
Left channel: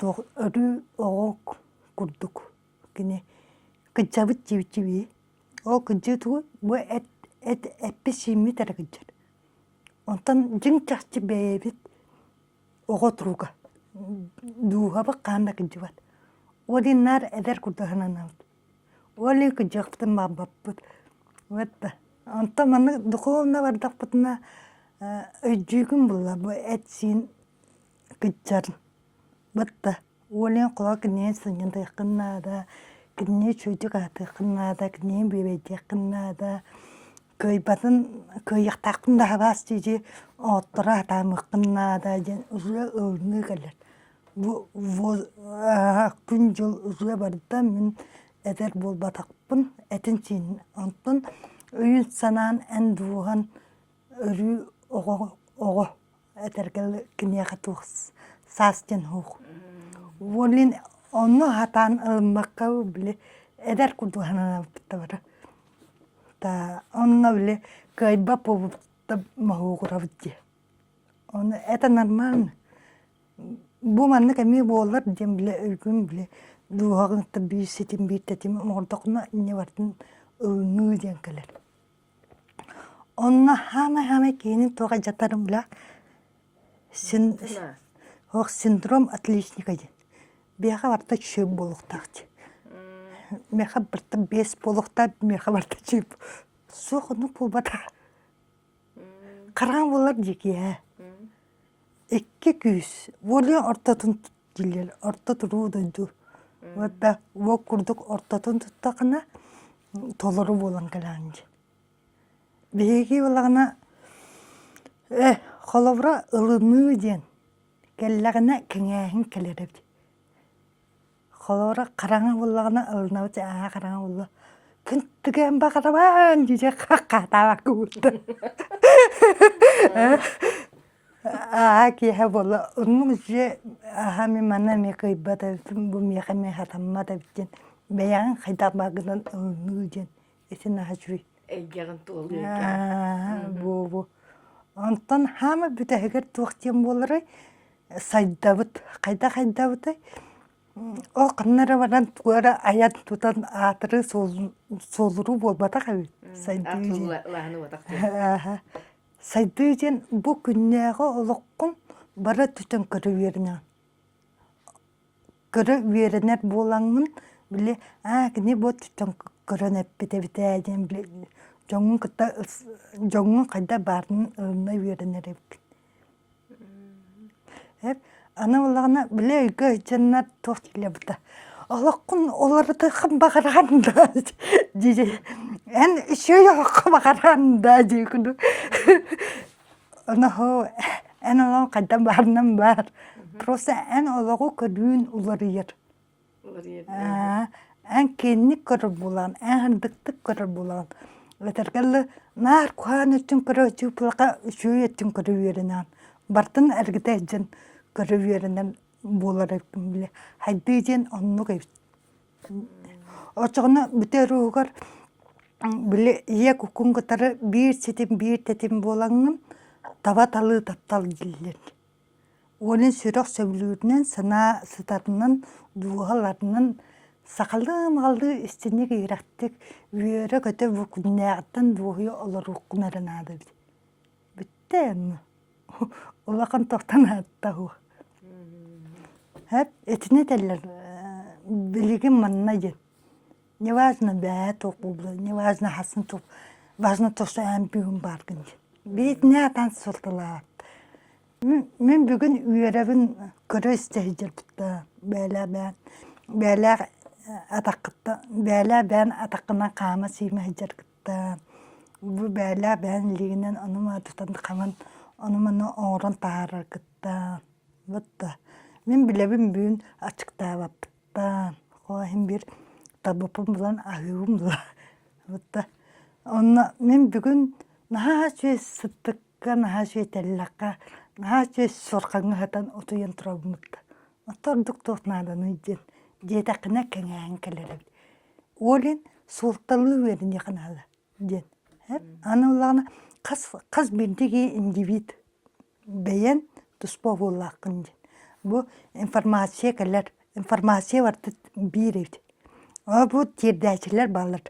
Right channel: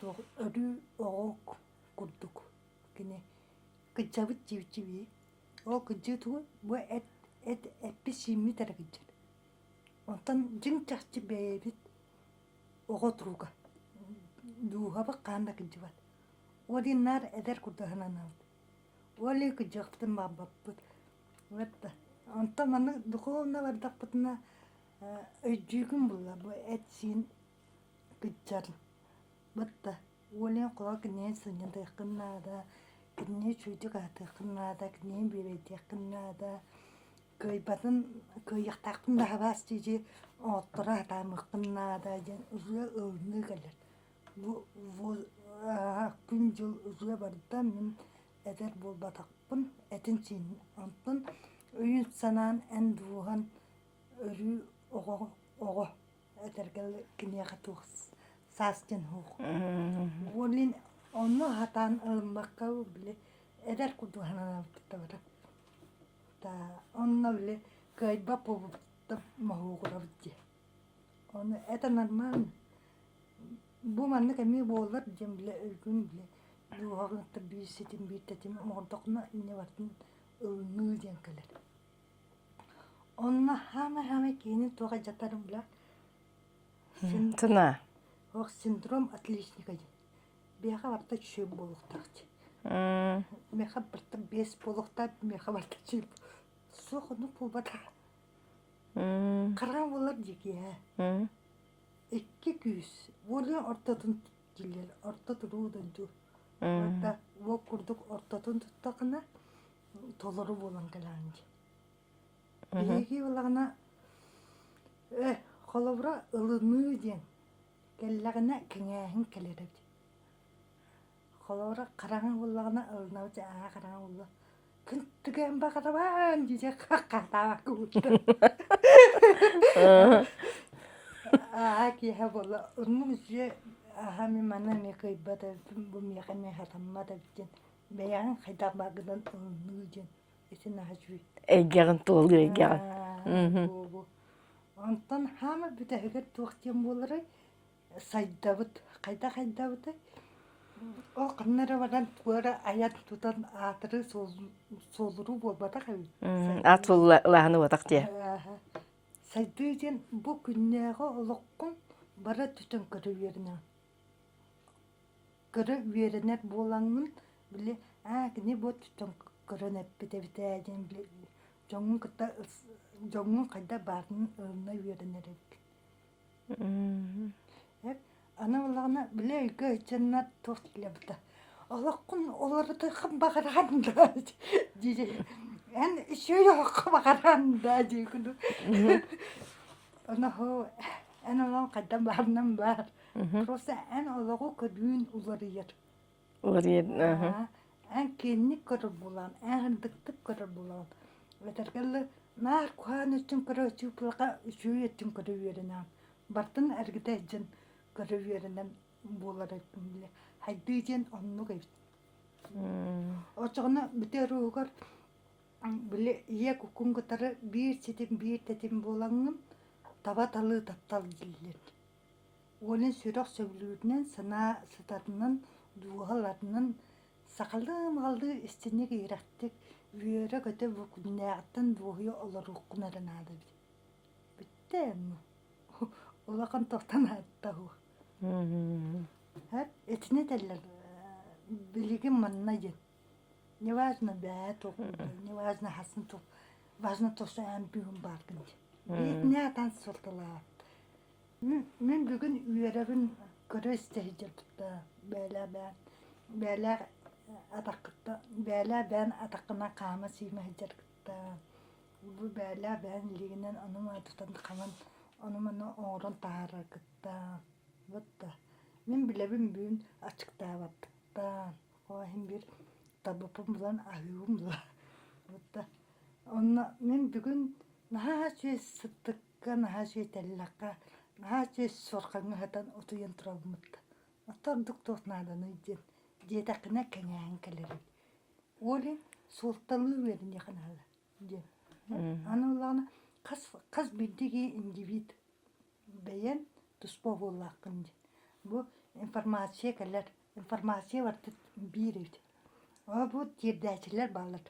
өрі оғы күрдік. Күджабыт жебі. Ол күджі туы бұл әппі шеймі тәрі күджер. Онтан жың чашчы бәйбет оғы тұруға. Дуға бұл қанда күджі бар. Олин нар әдер күрдіғынан алды. Олин күджіғыптың мағбап бұд. Онтан маны дұқуымна бардақ бұдына өйджігін бұлла. Бұл әтсейін күджарын. Бұдда. Олин құла кінен сыңында қыннада, кінен чөйдік аты қыннада, кінен бебейді қыннада, көйіқтақпында бас дейде оттыра атамы қыннада, ұзыра өріні кәлер. Күн жыл ұзыра барды мен әдер бол батақпын, әтін сенің. Онтын өйін санан ән дуған өрі оғы әтергел кіне қатуғыз. Састен хоқ. Олин оны хатан ылмаққа білі эдер курдугана бара. Та онна биле кайба побта махугуравди. Он это нормально. Бу манны кеми болар дем биле ölgün биле дугагын табби сетим биттетим мордокна не бартын ылны ден келер. Онна хама кенин тога жатарым била. Тына. Синдром отличника ден. Бияха барта чөп болуктакчы. Меха барта бес болукта, меха барта чөп. Сохну пулбата. Каран болар жеке. Экке күйс. Воле ортотун дилел. Орто туруу дойду. Ватта вок курдук ортотун туттакына толору болан каланжы. Беги болагына холовра ылыны ден. Келлагына кеңэхин келереп. Холовра караңа болагына ылынабыт караңа болла. Күн түген бакарабан жиже какатабак курду. Киха болла. Унум же ахами мана мекай бата бу меха меха таммата биттен. Биян хайдабагынан ылыны ден. Эсен ахачуй. Эггерин толу эггерин. Бу. Онтон хама бүтәһегер туқтен болыры сайдабыт, қайда-қайдабыт. О қыннары баран туғара аят тутан атыры солыру болбата қабы. Ат лағаны батақ де. Сайды жен бұ күннеғі олыққын бара түтін көрі верінен. Көрі верінер болаңын біле, кіне бұ түтін көрін әппеті әден біле. Жоңын қайда барын ылына верінер әпкен. Ана олағына біле үйгі жаннар тоқ келе бұта. Олаққын олары тұқын бағарғанда дейді. Ән үшөй оқы бағарғанда дейді. Ана хоу, ән олағын қайда барынан бар. Просто ән олағы көрін олары ер. Олары ер. Ән кенік көрір болған, ән ғындықтық көрір болған. Ветергелі нар куан өттін көрі өтіпіліға үшөй өттін көрі верінен. Бартын әргіде әджін көрі верінен болар өпкім біле. Хайды жен онны қайбіт. Очығына бүтер оғар біле ие күкін күтары бір тетім болаңын таба талы таптал келден. Оның сүрек сөйлерінен сана сытарынан дуғаларынан сақалды-мағалды істенеге ерақтық үйері көте бүкіннәғіттен дуғыйы олар ұққынарын ады. Бітті әмі. Олақын тоқтан ағытта ұғы. Әтіне тәлілер білеген манна ген. Не важно бәт оқылды, не важно хасын тоқ. Важно тоқса әм бүгін барғын ген. Бетіне атан сұртылады. Мен бүгін үйерігін көрі істейдер бұтты. Бәлі атаққытта, бәлі бән атаққына қама сеймі әжер күтті. Бұ бәлі бән легінен оныма тұтанды қаман, оныманы оңырын тағарыр күтті. Бұтты. Мен білебім бүгін ачықта баппытты. Қоғын бір табыпым бұлан ағығым бұла. Бұтты. Мен бүгін наға жөй сыттыққа, наға жөй тәлілаққа, наға жөй сорқаңы хатан отуен тұрабым бұтты. Отордық тоқнадың үйден. Жетақына кәңәң кәлеріп. Олен солталы веріне қаналы. Ден. Аны олағына қыз бірдегі индивид бәйен тұспа болақын ден. Бұл информация кәлер. Информация барды бір еді. Бұл тердәчілер балыр.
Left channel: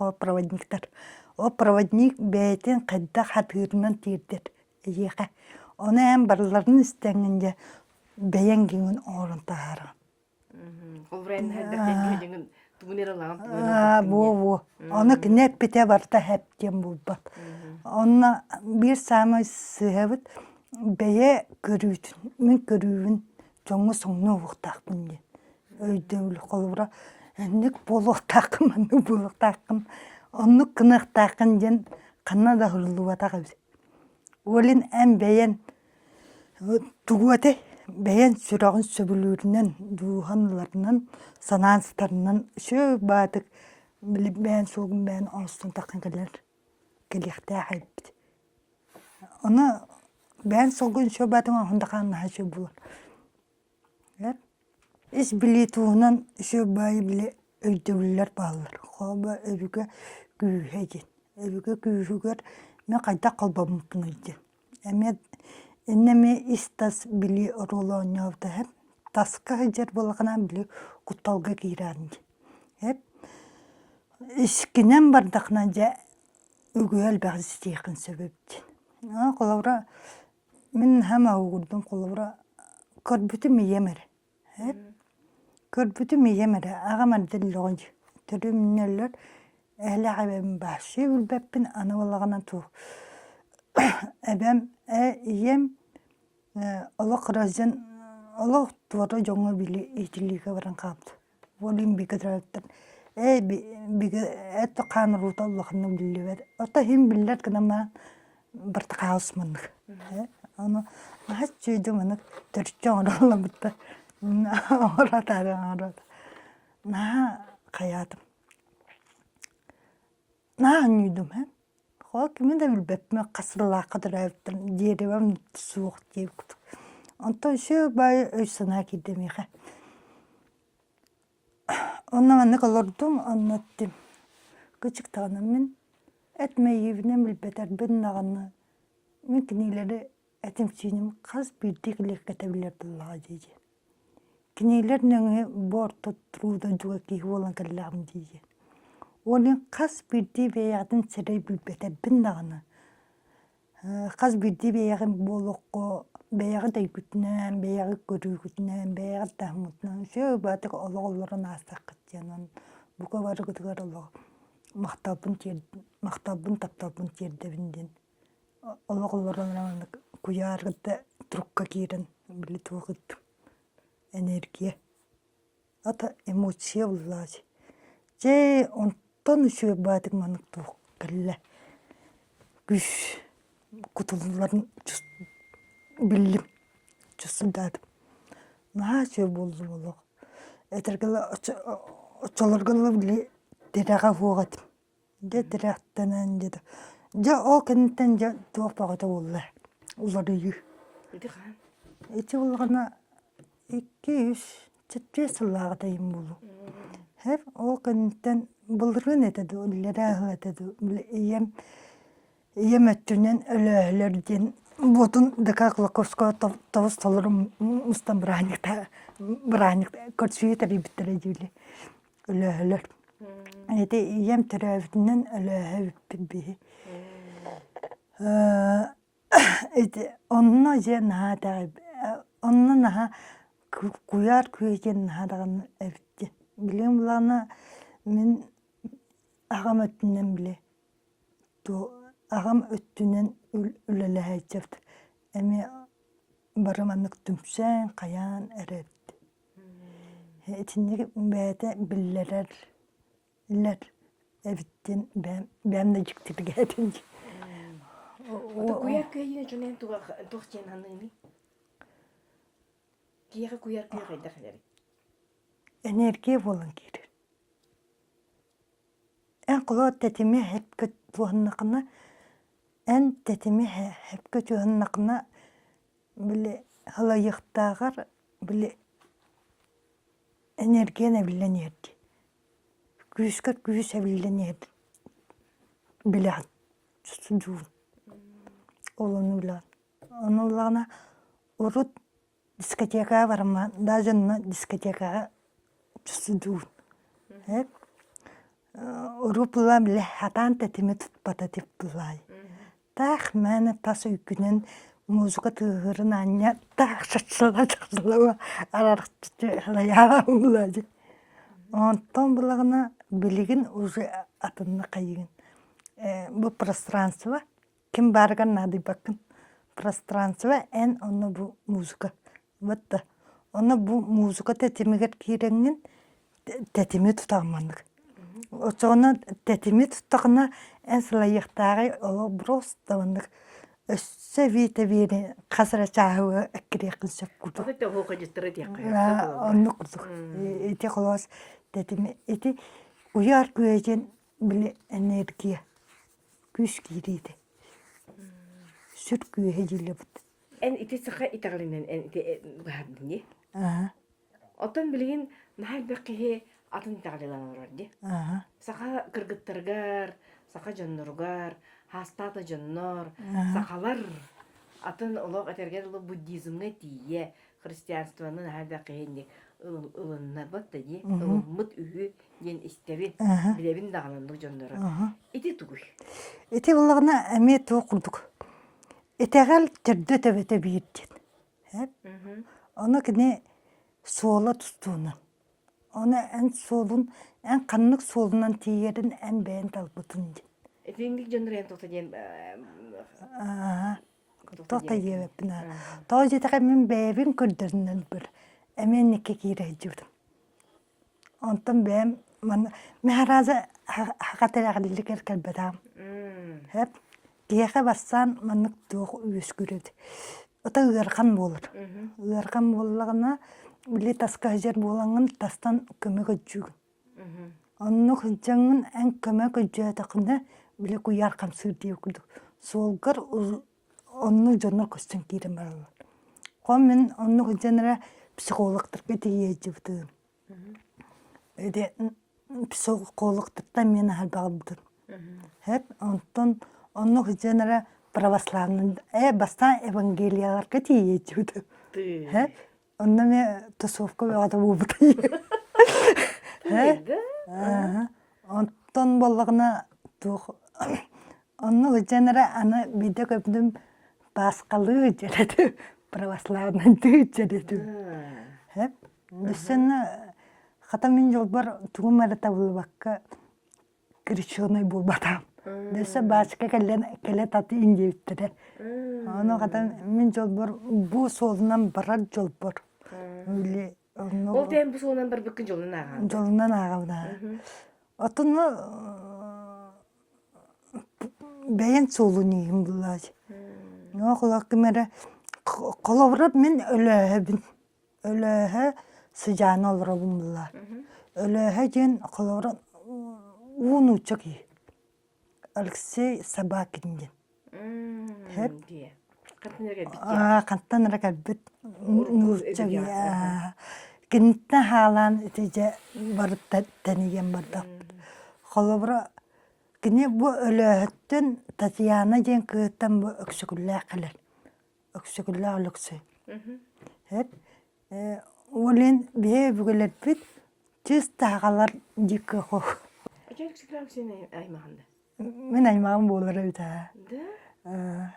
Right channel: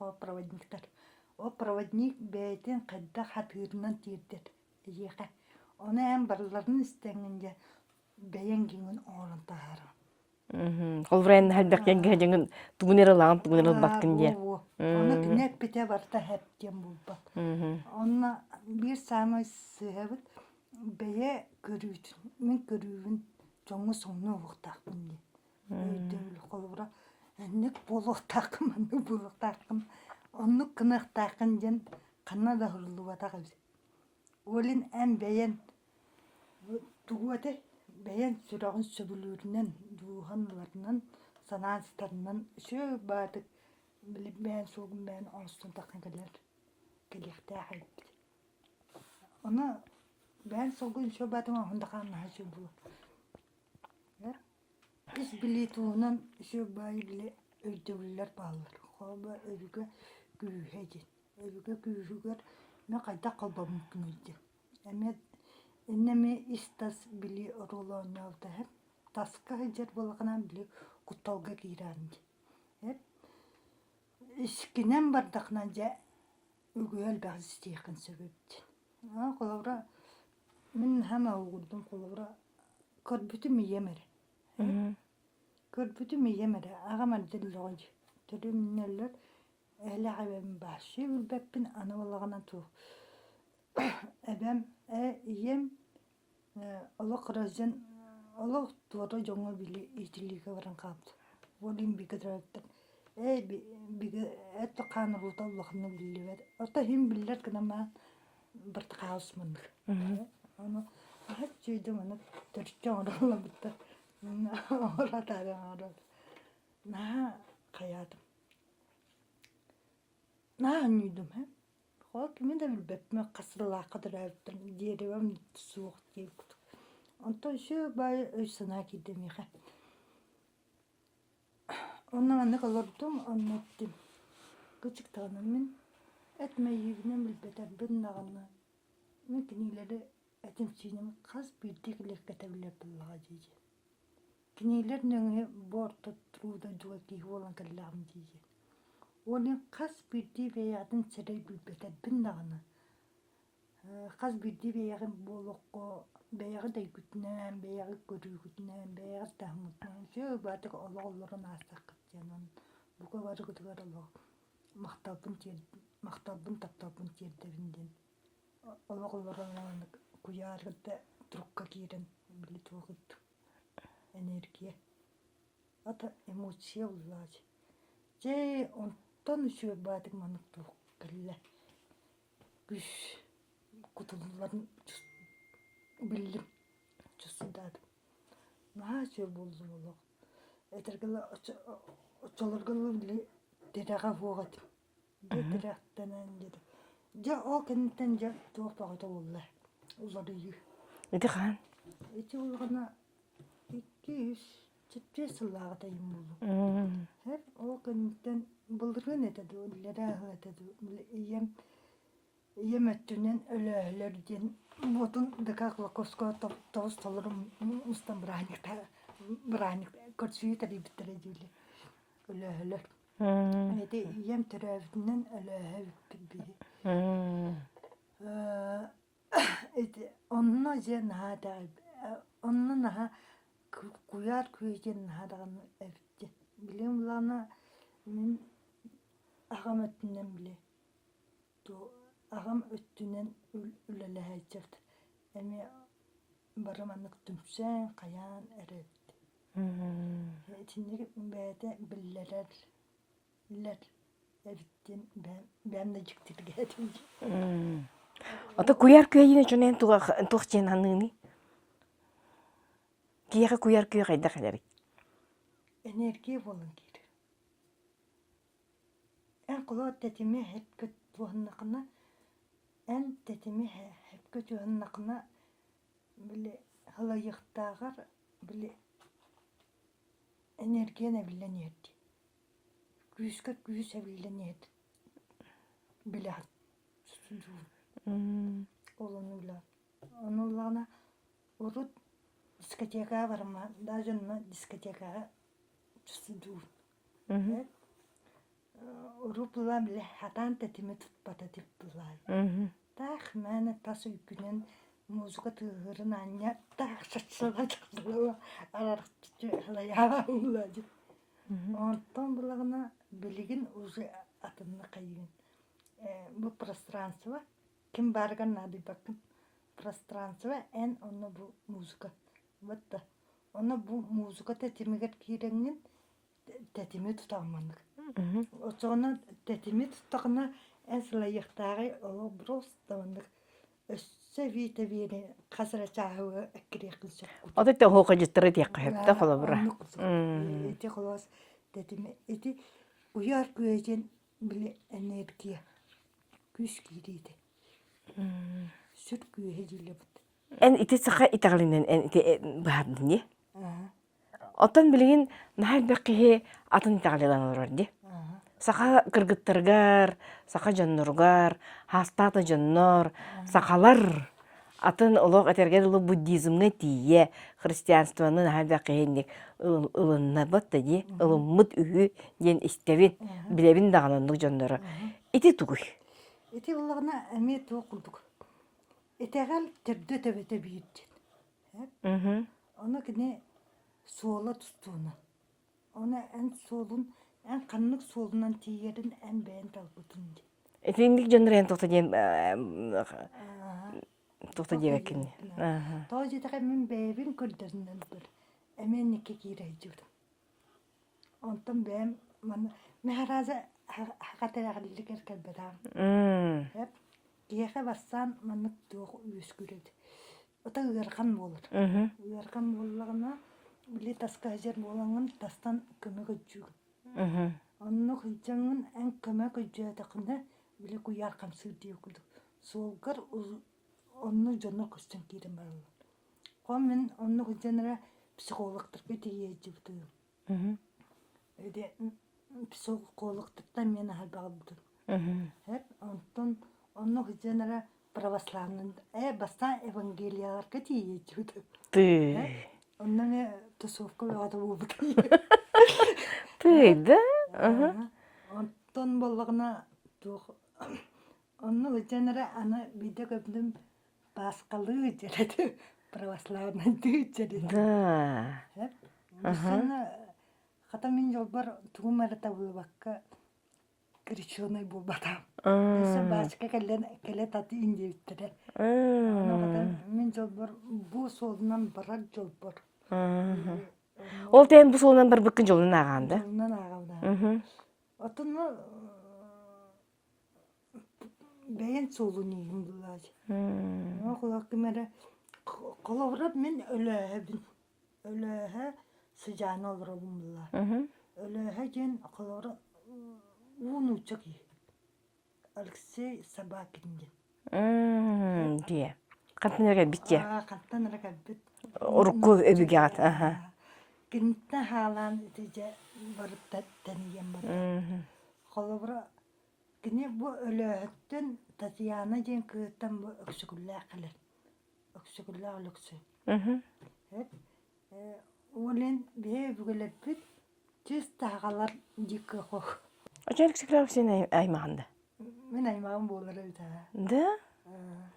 Ол проводниктар. Ол проводник бәйтен қайда қатырынан тердер. Еқа. Оны әм барларын істәңінде бәйен кеңін орын тағарған. Ол врайын әлбәккен кәдеңін туғынері лағын туғынері баққын де. Оны кінеп бете барда әптен болбақ. Оны бір самай сығабыт бәйе көрійтін. Мен көріуін жоңы соңны ұқтақпын де. Өйдеулі қолыра. Әнік болуқтақым, әнік болуқтақым. Оны кынықтақын ден қана да ғылу батаға біз. Олен ән бәйен туғаты. Бәйен сүрағын сөбілерінен, дуғанларынан, санансытарынан шөй бадық, бәйен соғын бәйен оныстың тақын кәлер, кәліқті әйбіт. Оны бәйен соғын шөй бадың оңындақанын әшөй болар. Ес біле туғынан шөй бәйі біле өйдөбүллер баалар. Хоба өбүгө күүһэдин. Өбүгө күүһүгөр мен кайда калбаммын өйден. Эме энеме истас били оролоньовда хеп таска жер болгана били кутталга киранди. Хеп искинен бардакна же үгүөл багыстыйкын сөбөптүн. Коловра мен хама угурдум коловра көрбүтү миемер. Көрбүтү миемер агамардын логонж. Төрүмнөлөр эле габем башы үлбеппин аны болагана ту. Эбем ием олох разен олох туара жоңо били итилиге баран калды. Волим бигедраттан биге это канрута лохны билбер. Ота хим биллер кынама бір хаусмандык. Аны хат жүйдү мына төрчөң оролабытта. Оратары. На каядым. На нүйдүм, кимин да билбепме касырлаа кадырайыптын деревам суук деп. Онто шы бай өйсына кидемиха. Онна колордум, оннаттым. Кычыктаганы мен этмейибинен билбетер беннаганы. Мен кинилери этимчиним каз бирдиклек кетебилер буллага дейди. Кинилер нөңе борто труда жуга ки болан каллагым дейди. Олин каз бирди беягын серей билбетер беннаганы. Каз бирди беягын болохко беягы да күтнән, беягы көрүү күтнән, беягы тахмутнан. Шы батык ологолорун астак кытянан. Бука бары кытыгар олог. Мактабын таптабын тердебинден. Ологолорун куяргыда трукка кирен били тугыт. Энергия. Ата эмоция буллажы. Же онтон шы батык манык тук калла. Күш кутулларын билим чусундадым. Наашы болду болог. Этергела очолоргала били дерага фугатым. Же дерактанан деді. Же о кенттен же туак багата болла. Улары үй. Эти хан. Эти болгана 2-3 сыллага дайым болу. Хеп о кенттен булдырган этеди, уллара этеди. Ием өттүнен өлөөлөрден ботун декаклаковского тавыс толорум мустан браник көрсүйетер ибиттере жүлі. Өлөөлөр. Эти ием төрөбүтүнен өлөөлөр бии. Онна же наадагы, онна наха куяр күйген наадагын эбитти. Билем буланы мен агам өттүнен биле. Агам өттүнен үлеле хайчафты. Эми барыманнык түмсен, каян эретти. Этиннеги бәді биллерер, эбиттен бәмді жіктірге әтінді. Ота куяр күйейіне жонен туақ жен анныны? Кияға куяр күйе қайда қаларик? Энергия болын керір. Ән құлау тәтіме әпкі туғаннақына, ән тәтіме әпкі туғаннақына білі халайықтағар білі энергияны білен ерді. Күйіскер күйіс әбілен ерді. Білен, жүсін жуын. Олын ұлан. Оны ұлағына ұрыт дискотекаға барма, дажынна дискотекаға жүсін жуын. Ұрып ұлан біле хатан тәтіме тұтпата деп бұлай. Тақ мәні тас үйкінен музыка тығырын анне тақ шатсыла арарықты лаяға ұлады. Онтон бұлағына білігін уже атынны қайығын. Бұл пространство, кім барған нады бақын. Пространство ән оны бұл музыка. Бұтты. Оны бұл музыка тәтімегер кереңін тәтіме тұтағмандық. Соны тәтіме тұтағына ән сылайықтағы олы бұростығындық. Өссө вита бири касыра чаһы эккирекин сөккү. Ота хока жыттыры тиякка хепта колобура. Онну курдук. Эти колос тетиме эти уяр күйежен биле энергия. Күш кириди. Сүт күйе жиле бут. Эн ити саха итагалинен эн ити баардын не? Оттан билигин нахар беккиһи атын тағалилан олорди. Ага. Саха кыргыттаргар, саха жонноргар, хастата жоннор, сахалар атын олог этергер улу буддизмны тие, христианствоны нахар беккиһинник ылынна батта ди, ылыммыт үһү ден истебин, билебин дағаланлык жоннору. Ити тугуй. Ити буллагына әме тоо курдук. Этегел тердө төбөтө бийирден. Оны кіне сола тұстуынан. Оны ән солын, ән қаннық солынан тиерін ән бәйін талбытын ден. Этиндик жоннор ен тоқта ден тоқта ден. Тоо жетеға мен бәйбін көрдірінен бір. Әмен неке кейрей жүрдім. Онтан бәйім, мен харазы хақатыр ағылылық әркәлбәдам. Кияқа бассан, маннық тоқ үйес көреді. Ота ұйарған болыр. Ұйарған болығына біле тасқа жер болаңын тастан көмек өтжігін. Онны хүнчаңын ән көмек өтжігіні біле ұйарған сұрдей өкілді. Солғыр онны жонар көстен кейрем баралар. Қон мен онны хүнчаңыра психологтырға тейе жібдім. Психологтырда мені халбағы бұдым. Онтон онны хүнчаңыра православный, бастан евангелияларға тие жібдім. Онна мен тусовка бағада бұбыды. Онтон болығына тұқ. Онны хүнчаңыра аны биде көпдім басқалы жереді. Православный жереді. Үсін қата мен жол бар тұғым әріта бұлбаққа крещеный болбадам. Десе басқа кәле таты индеуттері. Оны қата мен жол бар бұ солынан барар жол бар. Ол тәйін бұ солынан бір бүкін жолынан ағанды? Жолынан ағалда. Отыны бәйін солу нейін бұллады. Құлақ кімері қолауырап мен өліғі sıcağına olur bunlar. Öyle hecen kolora un uçak iyi. Alexey sabah gidince. Diye. Kantanlara bitti. Kantanlara bit. Orkuz edebiyat. Gintne halan itice var tanıyan barda. Kolora gine bu ölehetten Tatyana jen kıtan bu öksüküller kalır. Öksüküller öksü. Hep Олен бе бүгілер бет, тез тағалар деккі қоқ. Açan öksükler seni aymağında? Мен аймағым болыр өйті. Да?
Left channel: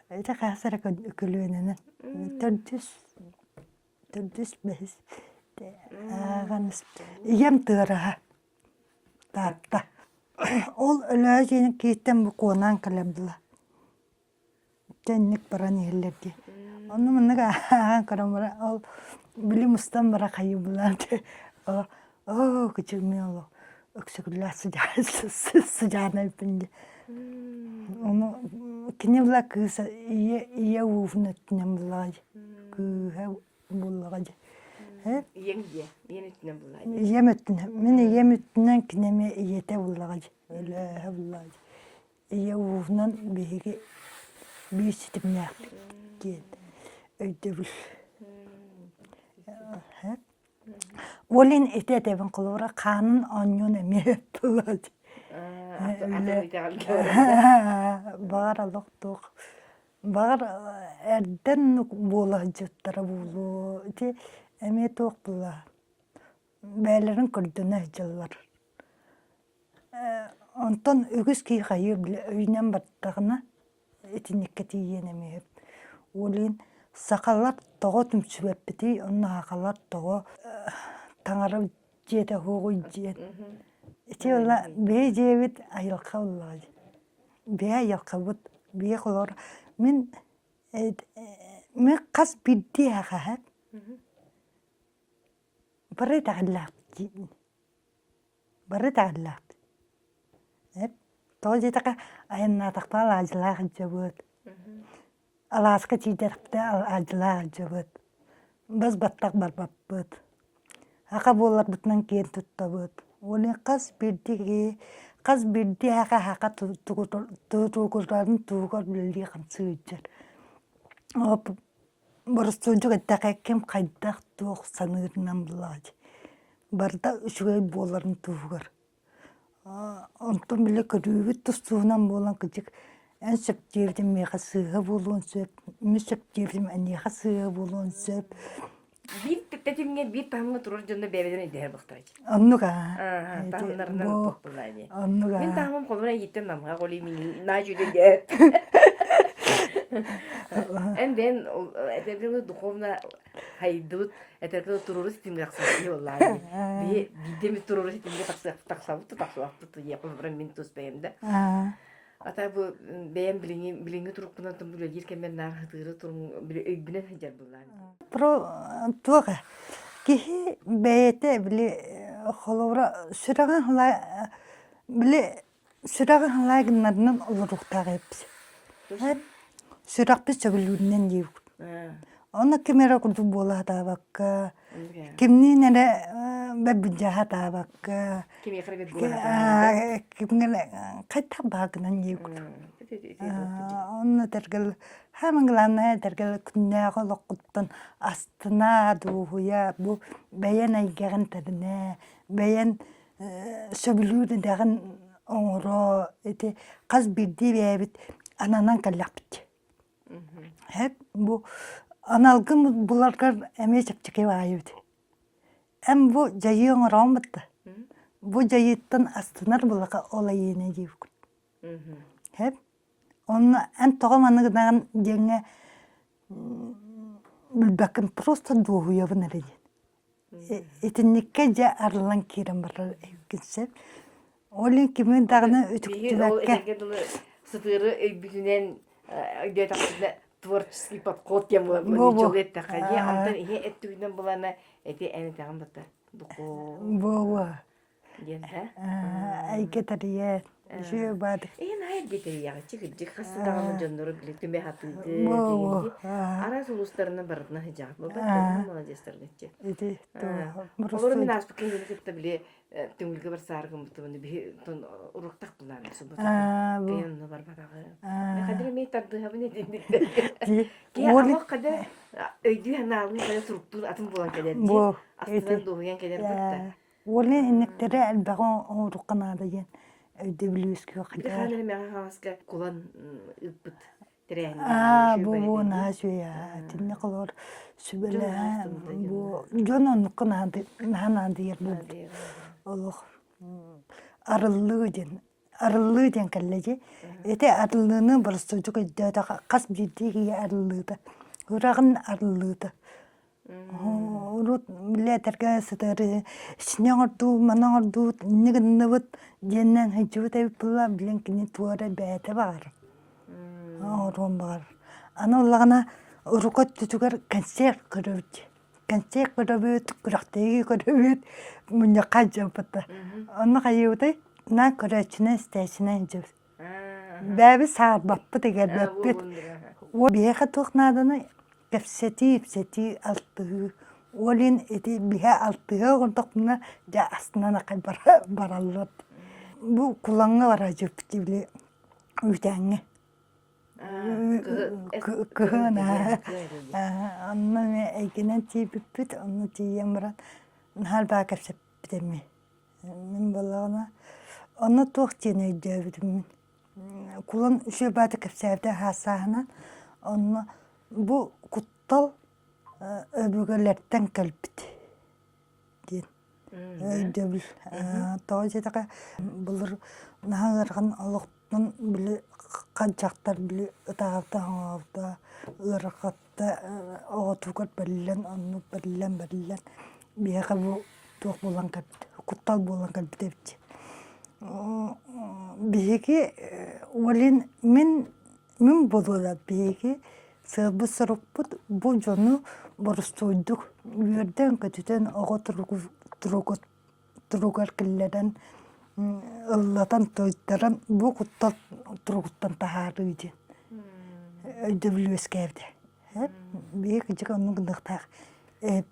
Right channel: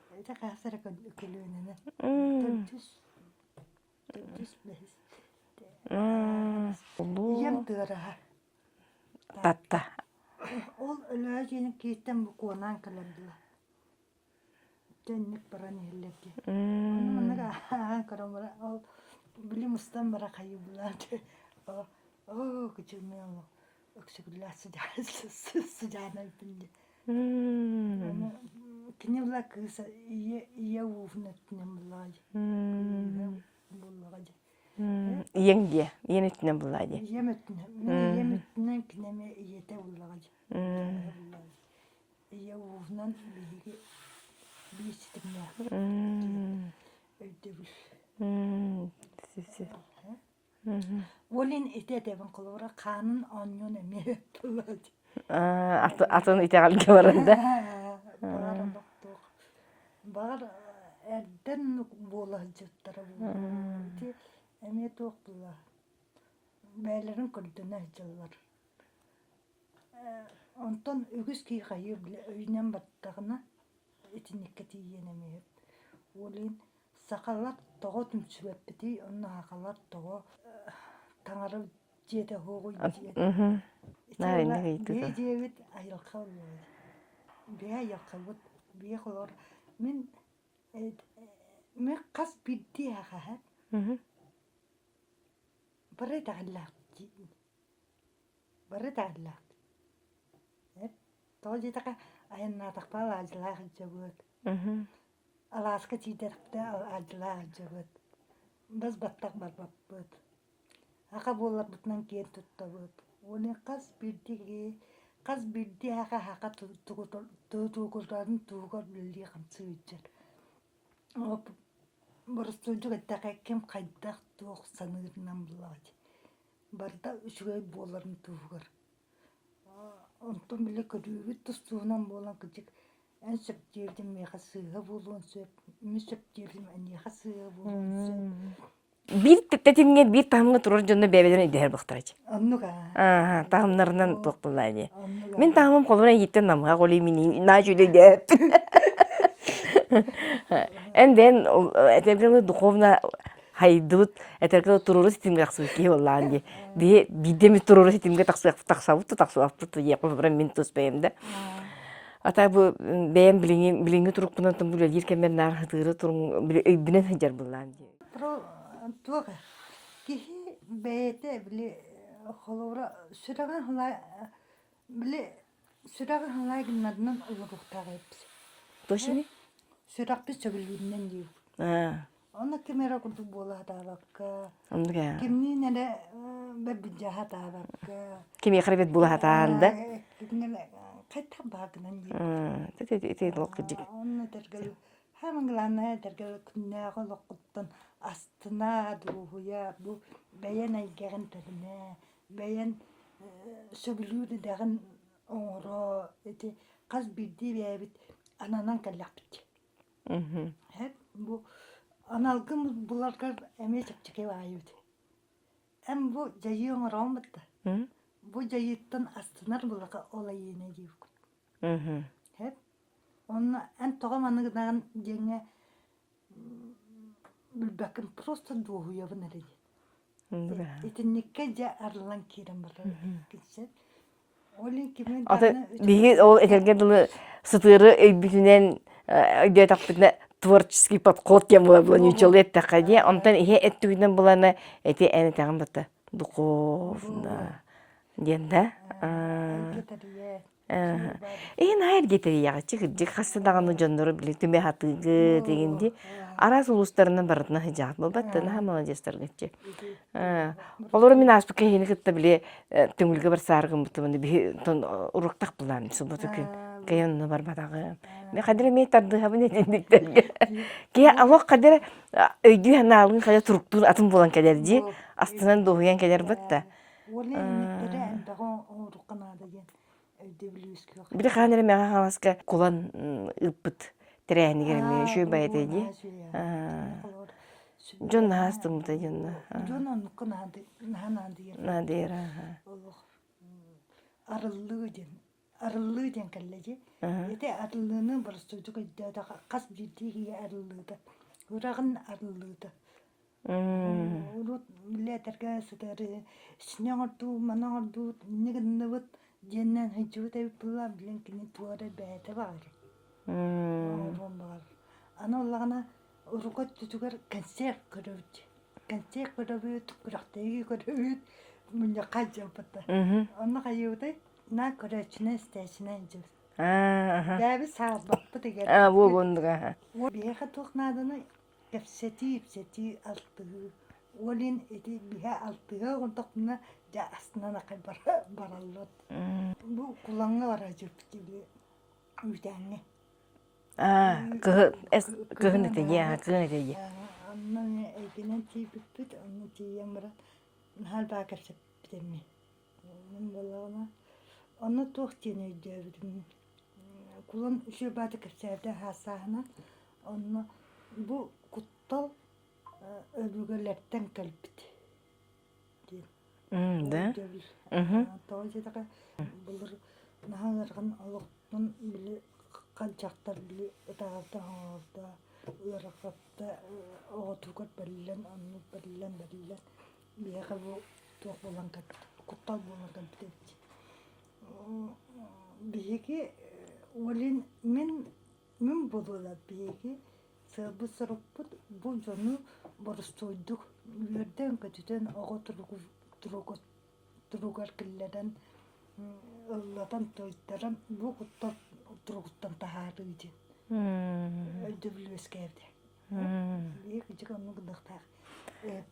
Өйті қасыр өкілуенінен. Түрдіс бәз. Ем тұғыраға. Татта. Ол өлі жені кейттен бұл қуанан кілемділа. Тәннік баран елерде. Оны мұнық аған қарамыра. Ол Били мустан бара кайы буларды. Küçülmüyor o. Öksürükler sıcağına öpünce. Onu kine bula kısa iyi ufun ettiğine bulacı. Kıha bulacı. Yeng diye. Yeni ettiğine bulacı. Yem ettiğine. Mene yem ettiğinden kineme iyete bulacı. Bulacı. İyi ufundan bir sitim ya. Öyle bir. Олен етедебін қылуыра қанын оньон әме бұлады. Атын итеғалге барында? Бағар алық тұқ. Бағар әрден бола жыттары бұлы. Әме тұқ бұла. Бәлерін күрдіні жылар. Онтон өгіз кей қайы өйнен баттағына етінекке тейген әме. Олен сақалар тоғы түмсібәп біті, онны ақалар тоғы таңарып жеді хоғы жеді. Бей жебет айылқа олады. Бей айылқа бұд, бей қолар. Мен қас бидді аға. Бары тағылақты. Бары тағылақты. Тоғы жетіға айынна тақпал ажылағы жабыд. Alaska çiğdekte acılar acıbıd. Biz battaq barbabıd. Aqa bollar butnan keyin tuttabıd. Onu qaz bildi aqa tuğurların tuğur bildiği qamsıйдыр. Burası çocuk ettiğe kim qaydaq tuğ sanırından buladı. барда үчүгөй боларын тугар. Онтон биле көрүүбүт тустуунан болан кыжык эн септиевдим меха сыга болуун сөп, мүс септиевдим анеха сыга болуун сөп. Bir tettimge bir tamga turur jonda bebeden idher baktaracı. Оннуга. Tamlarından toktulaydı. Оннуга. Men tamam koluna gittim namga koli mini najüle de. And then etergele duhovna haydut etergele turur sitim gaksı ki vallahi. Diye gidemi turur sitim ge taksavut yapıp ben tus beyimde. Ata bu beyim bilingi turup buna tam böyle yirken ben nar hıtırı turun binen hajar bulan. Про туга. Кихи бейте биле холовра сүраган хала биле сүраган халагнарнан олуруктагыпс. Точно? Сүракты чөбүлүнен дейб. Она камера курду бола табакка. Кимни нере бебжа табакка. Kim yakarıbet bula hatarında. Кимне кайта багнан дейб. Tete dokuzcuk. Онна тергел хаманглана тергел күннә голоктан астына дуя бу бәян айган тадына бәян сөбүлүдө даган оңоро эти каз бирди бебит ананан каллапт. Хеп бу аналгым буларга эме чапчыке байыт. Эм бу жайын ромбытты. Бу жайыттан астынар булага олайыны дейб. Хеп он эн тогоманыгынан деңе билбекин просто дугуябын эле. Этинникке жа арлан кирен бар гитсеп. Олин кимен даганы Биги ол этелге дылы сытыры бүтүнен өйдө тактыгына творческий подход кем була бу ничего это кади онтан ихе эттүгүнөн булана эти эне тагын бата дуко денде айгетарие Hayır getiri ya. Çıkıcı hasta dağını canları bile tüme hatıgı degindi. Aras uluslarından barıtına hicap. Battana hamala jestar geçti. Olur min aspı ki yeni kıtta bile tümülge bir sargın butumunda bir uruktak bulan subutu ki. Kayan var batağı. Ne kadar mi tadı ha ne dedik. Ki ama kadar öydü hanalın kadar turuktur atın bulan kadar di. Aslında doğuyan kadar batta. Olin innektere elbağın urukana da yen. Bir de kanalım ya havaska kulan ıpıt treni yani şu bayda diye. Ne kadar John hastım da John onu kanadı nadir. Allah arıllığı den kalleci. Ete arıllığını bir çocuk da kas ciddi arıllığı da. Urağın arıllığı da. Урут билетерге сетери синьорду манорду нигневт женнен хижута була билен кини туара бете бар. Орон бар. Аналлагана урукот түгөр концерт көрөбүт. Концерт көрөбүт, күрактеги көрөбүт. Муня кажапта. Аны кайыутай на көрөчүнө стесинен жеп. Беби саат баппы деген. Бу бундуга. О бияка тохнаданы Кепсети алтыгы. Олин эти биха алтыгы онтокна жа астынан акай бараллат. Бу кулаңга бара жөптү биле үтәңе. Анна ме экенен типиппит, анна тиемран хал ба кепсептеме. Мен балагына анна тохтене дөбүдүм. Кулан үшө бата кепсепте хасахна анна bu kuttal öbürlerden kalbit. Ödül. Tağcıda bulur nağırgan Allah'tan bile kancaklar bile dağda havda ırgatta oğutukar bellen onu bellen bir bu tuğ bulan kalbit. Kuttal bulan kalbit hepsi. Bir ki olin min bulurlar bir ki Сыбы сырыппыт бұл жону борыстойдук. Үйерден көтүтен оға тұругар кіллерен ыллатан тойттаран бұл құттал тұругуттан тахары үйден. Өйді білу өскәвді. Бейі күчік оның күндіқтақ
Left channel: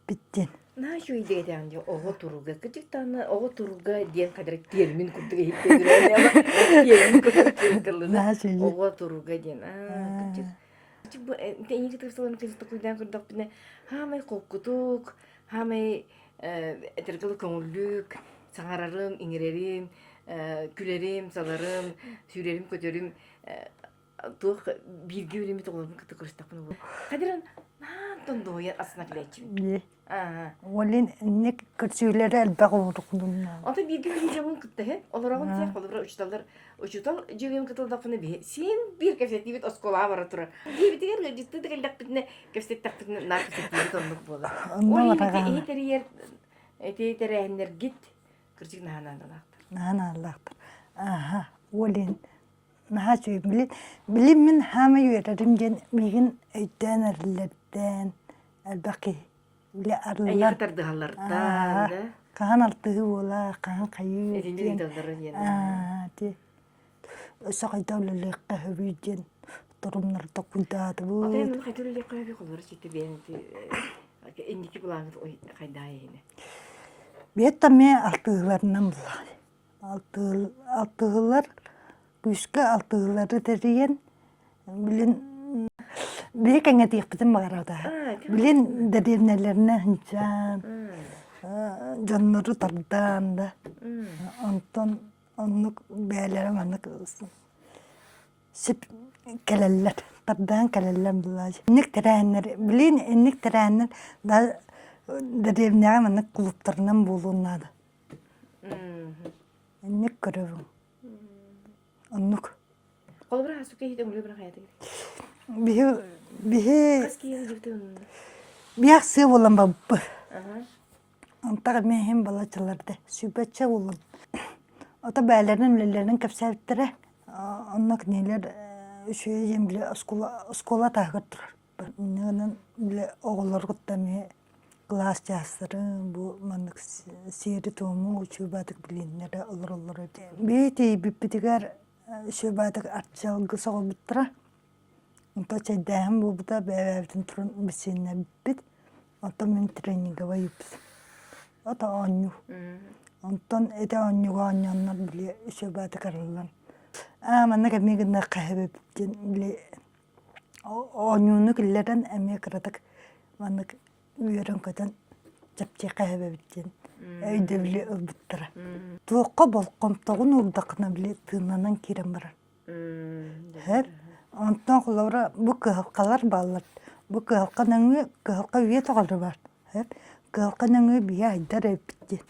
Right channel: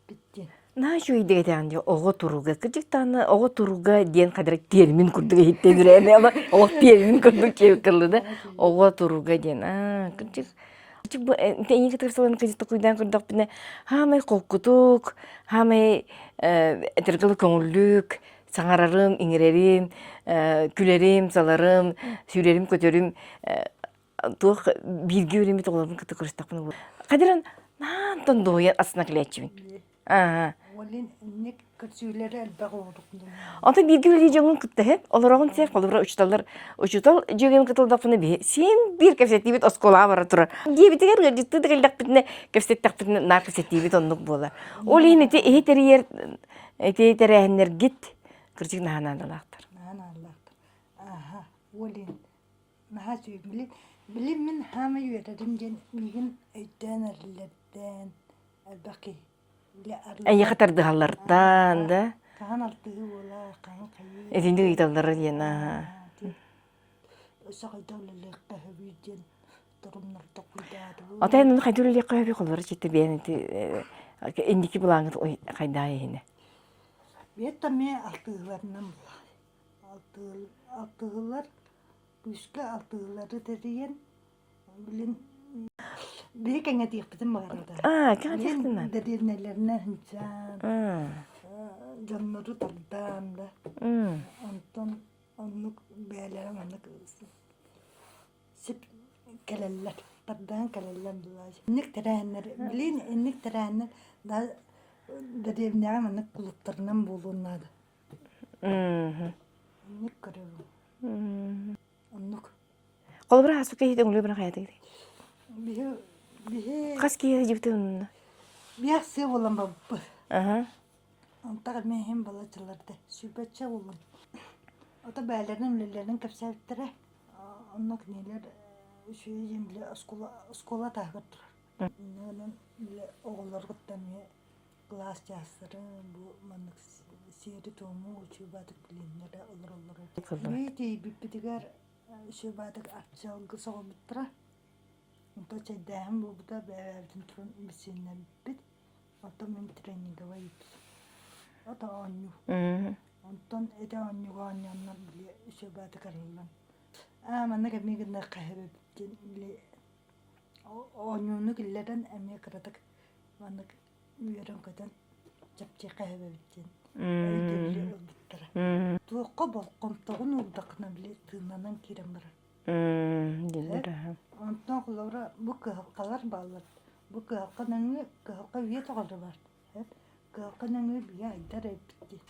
біттен. На şu ide de oğu turuga küçükten oğu turuga diyen kadar termin kurdu gittiğinde ama o termin kurdu kelkirli de oğu turuga diyen küçük Кичик бу тени кытырсалан кызыты куйдан кырдак бине хамай колкутук, хамай этергылы көңүллүк, саңарарым, иңерерим, күлерим, саларым, сүрерим, көтөрүм, тух бирги үрүмүт олорун кыты кырыстакпын бу. Кадырын наантон доя асына килечибин. Олин инник кырсүйлері әлбәқ орықдым. Ата бирги үрү жамын кытты хеп, олорогун сер колубра учтал жөген кытылдакпыны бе. Сен бир кепсетибит оскола бара тура. Дебитигер гыжытты дылдакпытны кепсеттакпытны на кепсетибит оннук бола. Олин этериер этериеннер гит кырчык наханадалактар. Наханадалактар. Аха, олин наха чүй билим мен хама үйрәрим ген мигин өйттен әрлерден әлбәқи. Яхатарды халлардан, да? Кахан алтығы ола, кахан қайы. Эдинді ұйталдары дена. Өсі қайда өлілікқа өбейден тұрымнарды құлдады бұл. Атайын оны қайда өлілікқа өбей қолары жетті бәйінді әндекі бұлаңыз қайда айыны? Бетті мен алтығыларынан бұлағы. Алтығылар, күшкі алтығылары дәреген, білін бек әңе дейіппідім бағарада. Білен дәрернелеріне хынчан, жаннары тардан да. Онтон, оннық бәлері манық сүп кәлелер, тардан кәлелер бұлай. Эннік тәрәнер, білен эннік тәрәнер дәрернеға манық құлыптарынан болуынады. Эннік көрі оннық. Қолы бір аспекте еді өңілі бір қаяты еді? Қас кейді жіпті ұнында? Бияқ сүй болам бабы. Онтағы мен хем балачыларды сүйбәтші болам. Ота бәлерінің үлелерінің көпсәбіттірі. Оннақ нелер үшөй жем біле оскола тағыр тұрар. Нығынан біле оғылар құттаме класс жасырын, бұл маңық сері туымың үшөй бәдік біленлері олар өте. Бейті біппетігер үшөй бәдік артжалғы соғы бұттыра. Онта чайдайым бұл бұта бәйбәбітін тұрын бісеніне біппет. Онта мен тренингі байыпыз. Ота оңю. Онтан әді оңюға оңяннар біле үшөй бәдік арылан. Маңық әмегінді қайбы біттен біле оңюны күллерін әме қырадық. Маңық үйерін көтен жапчай қайбы біттен. Өйді біле өбіттіра. Туыққа болқомтағын ұлдақына біле тыңнанан керен барар. Онтан құлауыра бұл кығылқалар балар. Бұл кығылқан өңі кығылқа үйе тоғалыр бар. Кығылқан өңі бие айдар өпітті.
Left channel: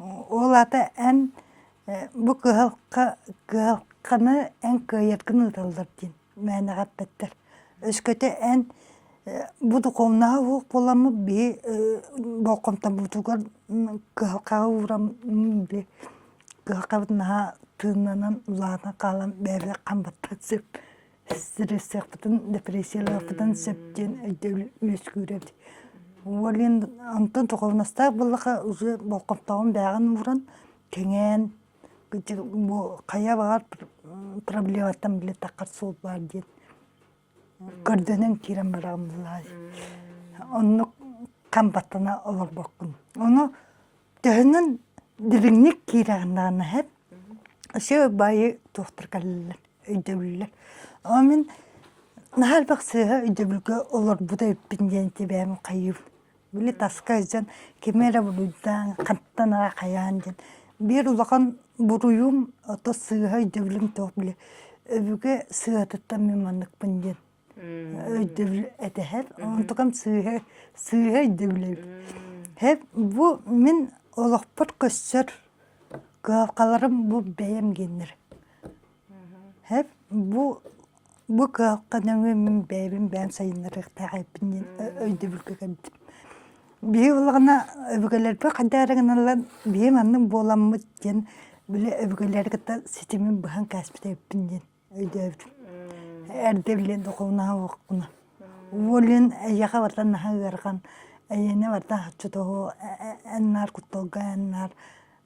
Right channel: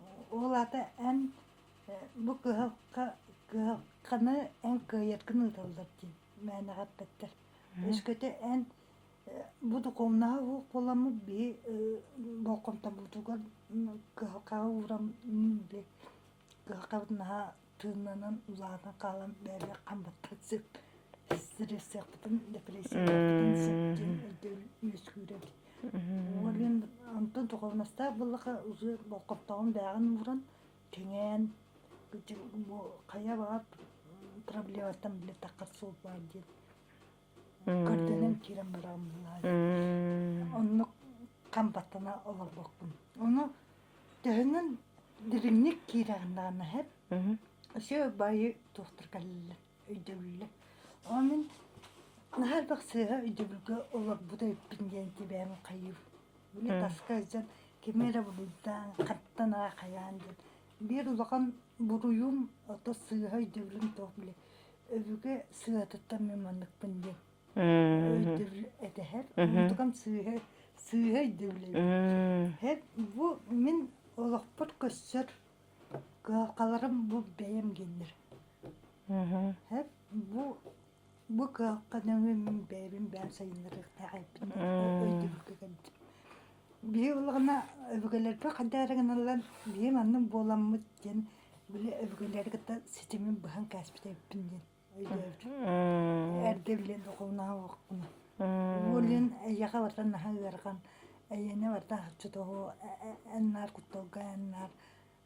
Ол аты ән бұл кығылқаны ән көйеркін ұталдар дейін. Мәні ғаппеттер. Өскөте ән бұды қолынаға оқ боламы бие болқомтан бұдығар кығылқаға ұрам біле. Кығылқа бұдынаға тыңнанан улағына қалам бәрі қамбаттан сөп. Стресс бұтын, депрессиялар бұтын сөптен өйдеу өз көреді. Олен антон тұғылнастақ бұлыға ұзы болқымтауын бәғін ұран, кеңен, қая бағар проблематтан біле таққар сол бар ден. Көрденен керен барағым бұлай. Оны қамбаттана олар боққын. Оны төхінен діріңнік керағындағына әп, Өсі байы тоқтыр кәлілер, өйдеулілер. Мен нағал бақсыға өйдеулігі олар бұда өппінден тебәмі қайып. Білі тасқа үзен кемері бұлудан, қанттанаға қаян ден. Бір ұлаған бұруым ота сыға өйдеулім тоқ білі. Өбігі сыға тұттан мен маңықпын ден. Өйдеулі әді әп. Онтығам сыға өйдеулі. Әп, бұл мен олақпыр көссір. Кығылқаларым бұл бәйім генер. Бұл кығылқан өңі мен бәйім сайынлары тағайпынен өйді бүлгі кәдім. Бей олығына өбігелер бі қандарығын алан бейім анның боламы ден білі өбігелер кіта сетемен бұған кәспіті өппінден өйді өбдім. Әрдевлен доқуына оқуына. Олен әйеға бардан наға ғарған, әйені бардан хатшытығы әннар құттылға әннар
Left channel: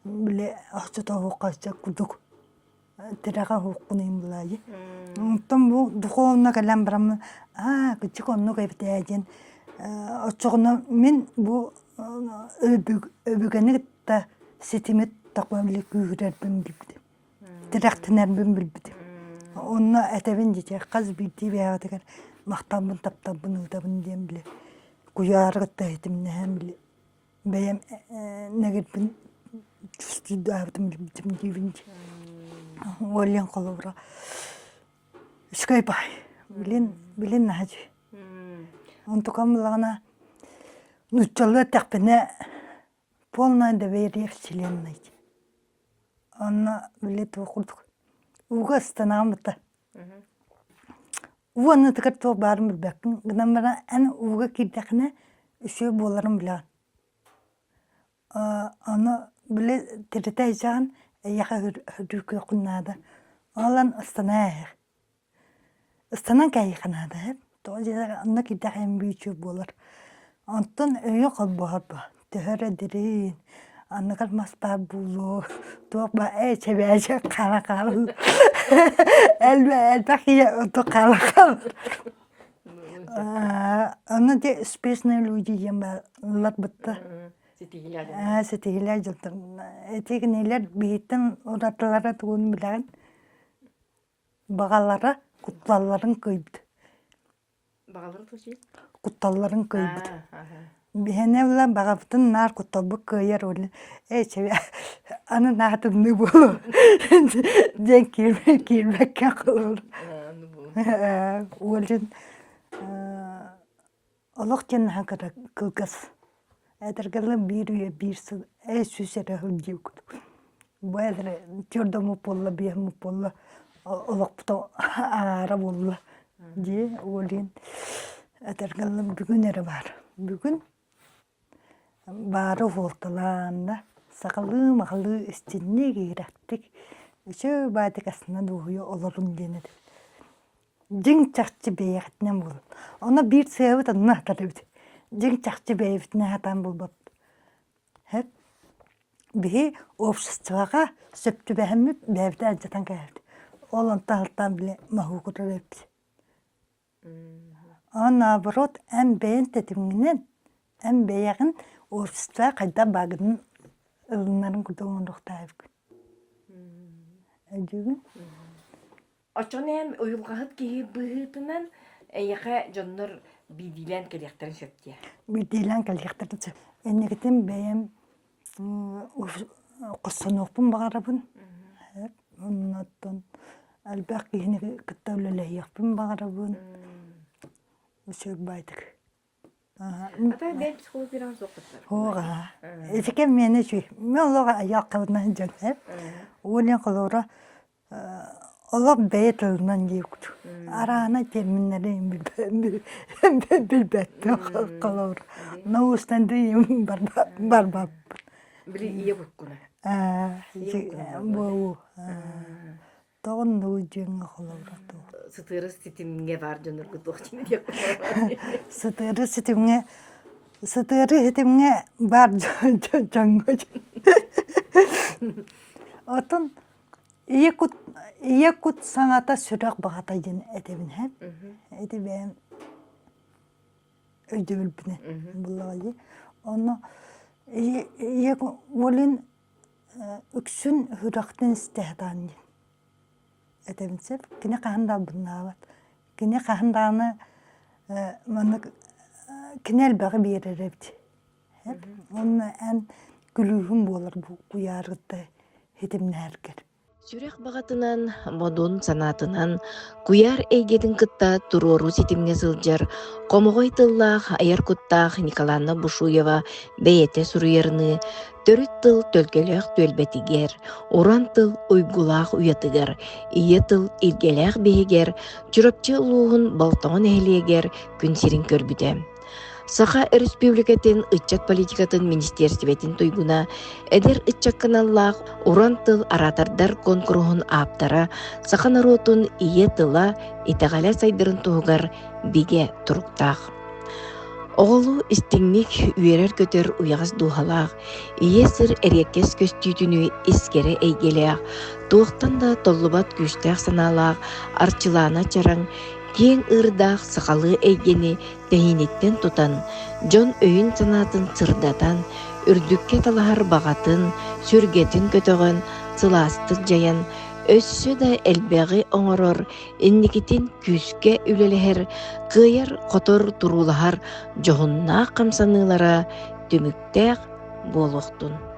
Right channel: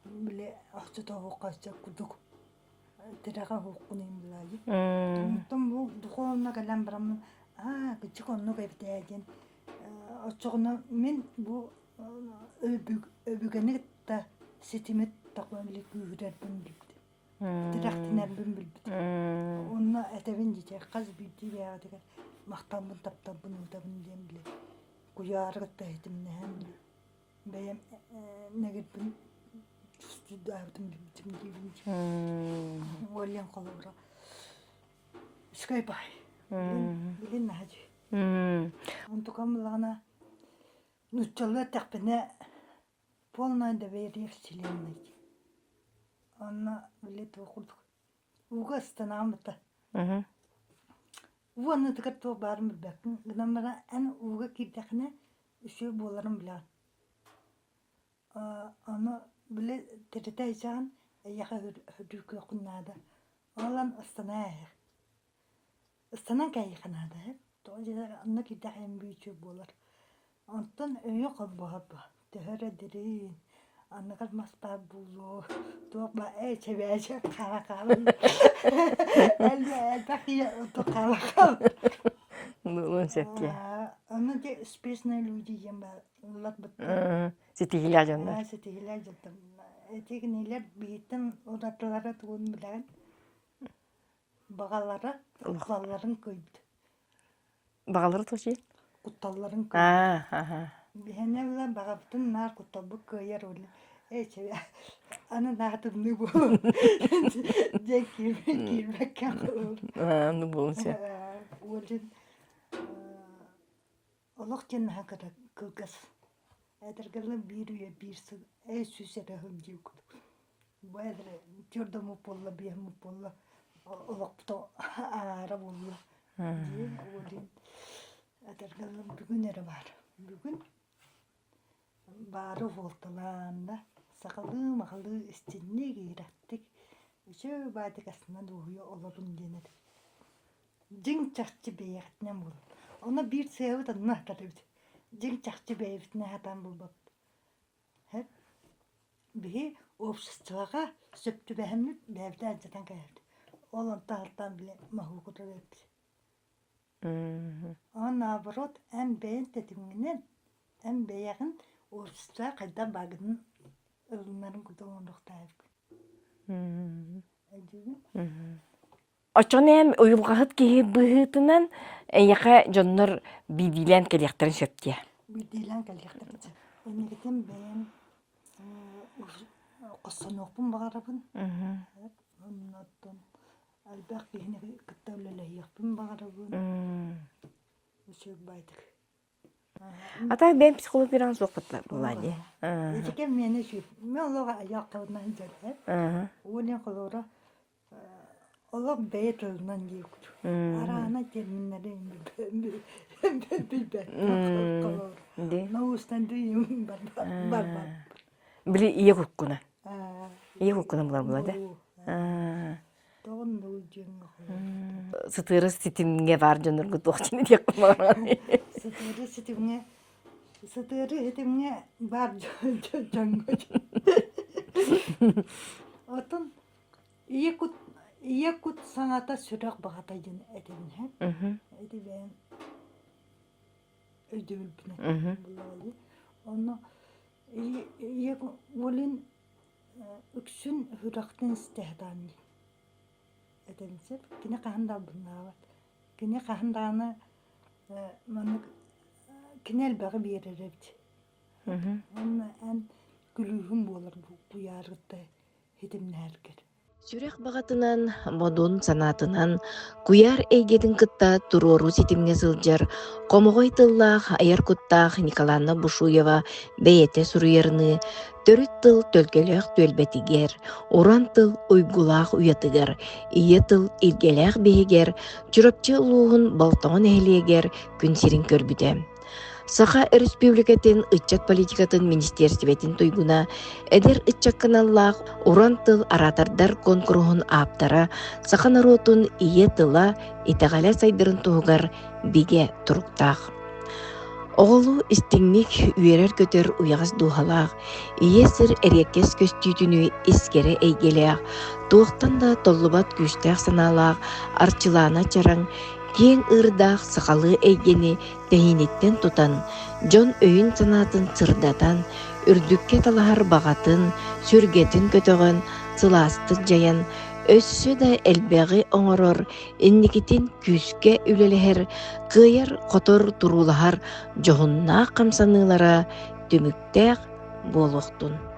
біле ақчыта хоққасча күдік. Тираға хоққынайым бұлайы. Онтан бұл дұқуына кәлем барамын. Күтчік онны қайбіті әден. Отчығына мен бұл өбігені кітті сетемет тақуа біле күйірер бім білді. Тирақтынар бім білді. Онны әтәбен жете қаз білді бәғатығар. мақтабын таптабын ұтабын дем біле. Куярғытта етімнәм біле. Бәйім нәгербін жүстүйді абдым бітім дейбінді. Олен қолуыра. Шкай бай. Білен нәжі. Онтуқан бұлағына нұтчалы тәқпіне полная доверие вселенной. Она білет оқырдық. Уға станамыта. Уаны тікір тоқ барым білбәкін. Ғынан бара ән уға кердіқіне үші боларым білаған. Оны біле тірітай жағын әйяға хүрдүркі құннады. Олан ұстана әйір. Ұстанан кәйі қанады. Тоғы жедағы анна кердіқ әм бүйчі болар. Антон өйі қол бағар ба. Төхірі дірейін. Анығыр маспа бұлу. Тоқ ба чәбәжі қала қалын. Әлбәқ ие ұты қала қалын. Оны де успешные люди ем балар бұтты. Сетигилер жандар. Сетигилер жылдыр. Этегінелер бейттен ұратылары туын білген. Бағалары құтталарын көйбді. Бағалары тошы? Құтталарын көйбді. Бихене була бағаптын нар құтталбы көйер олы. Чәбе, аны нағытымны болу. Ден келбекке қылыр. Аны болусы. Олын олық кен хаңқыра кылгас. Әдіргілі бір үйе бірсі. Сөсері хүлдеу күді. Бұл әдірі түрдімі болы, беймі болы. Олық бұта ағара болы. Де, олын әдіргілі бүгін әрі бар. Бүгін бары олтылағанда сақылы-мақылы үстінне кейрәттік. Үші бәдік асына дұғыйы олырын денеді. Жың чақчы бейіғітінен болын. Она бір сүйәуіт анына атар өйді. Жың чақчы бейіғітіне атан бол бәді. Бейі обществоға сөпті бәхімі бәйіғіті әнжатан кәйді. Ол антағылтан біле мағу құтыр өйді. Наоборот, әм бәйін тәтімгінен, әм бәйіғін обществоға қайда бағының ылынарын күдігін рұқтайып күн. Әдігін? Очон әм ойылғағыт кейі бұғытынан әйіға жоннор бейдейлен кәліқтірін сөптия. Бейдейлен кәліқтірін сөп. Әнігітен бәйім құсын оқпын бағарабын. Оннаттан әлбәқ кейіні күттәулілі еқпін бағарабын. Сөп байдық. Ата бәйім психолог бераған соқ бұттар. Оға. Әзікен мені жүй. Мен олаға аяқ қабынан жөн. Олен қолуыра олақ бәйет ұлынан дейкті. Арағына терминлері білбәтті қолуыра. Науыстанды ем бар. Білі ие құққына. Ие құққына бұлады. Тоғын науыжыңа қолуыра. Сытыры сетімге бар жоныр күт оқчыны дек құмағаны. Сытыры сетімге бар жаңға жын. Отын ие күт саңата сүрек бағата жын әтебін әп. Әтебен өйді өлбіне бұлаға жын. Оны ие олын үксін хүрақтын істеғдан жын. Әтебінсеп, кіне қағында бұнна бат. Кіне қағындағыны кіне әлбәғі берер әбді. Оны ән күлігім болыр бұл құярғыда хетімін әргер. Сүрек бағатынан, модун санатынан, куяр эйгедин кытта турору ситимге сылжар, комогой тыллах, аяр куттах Николана Бушуева бейете суруерны, төрүт тыл төлкелек төлбетигер, уран тыл уйгулах уятыгар, ие тыл илгелек бейгер, чурапчы улуғын балтоғын әйлегер, күн сирин көрбүдө. Саха республикатын ытчак политикатын министерстветін туйгуна, эдер ытчак каналлах уран тыл аратардар конкурсун аптара, саха наротун ие тыла итагаля сайдырын тугар биге туруктах. Оғылу истиңник үйерер көтөр уягас духалах, ие сыр эреккес көстүйтүнү искере эйгелеах, туықтан да толлубат күштәк саналах, арчылана чараң, кең ырдақ сақалы әйгені тәйінеттен тұтан, жон өйін санатын сырдатан, үрдікке талахар бағатын, сүргетін көтіған, сыласты жаян, Өссө да элбэҕи оҥорор, инникитин күскэ үлэлэһэр, кыайар хотор турулаһар дьоһуннаах хамсанныылара түмүктээх буолуохтун.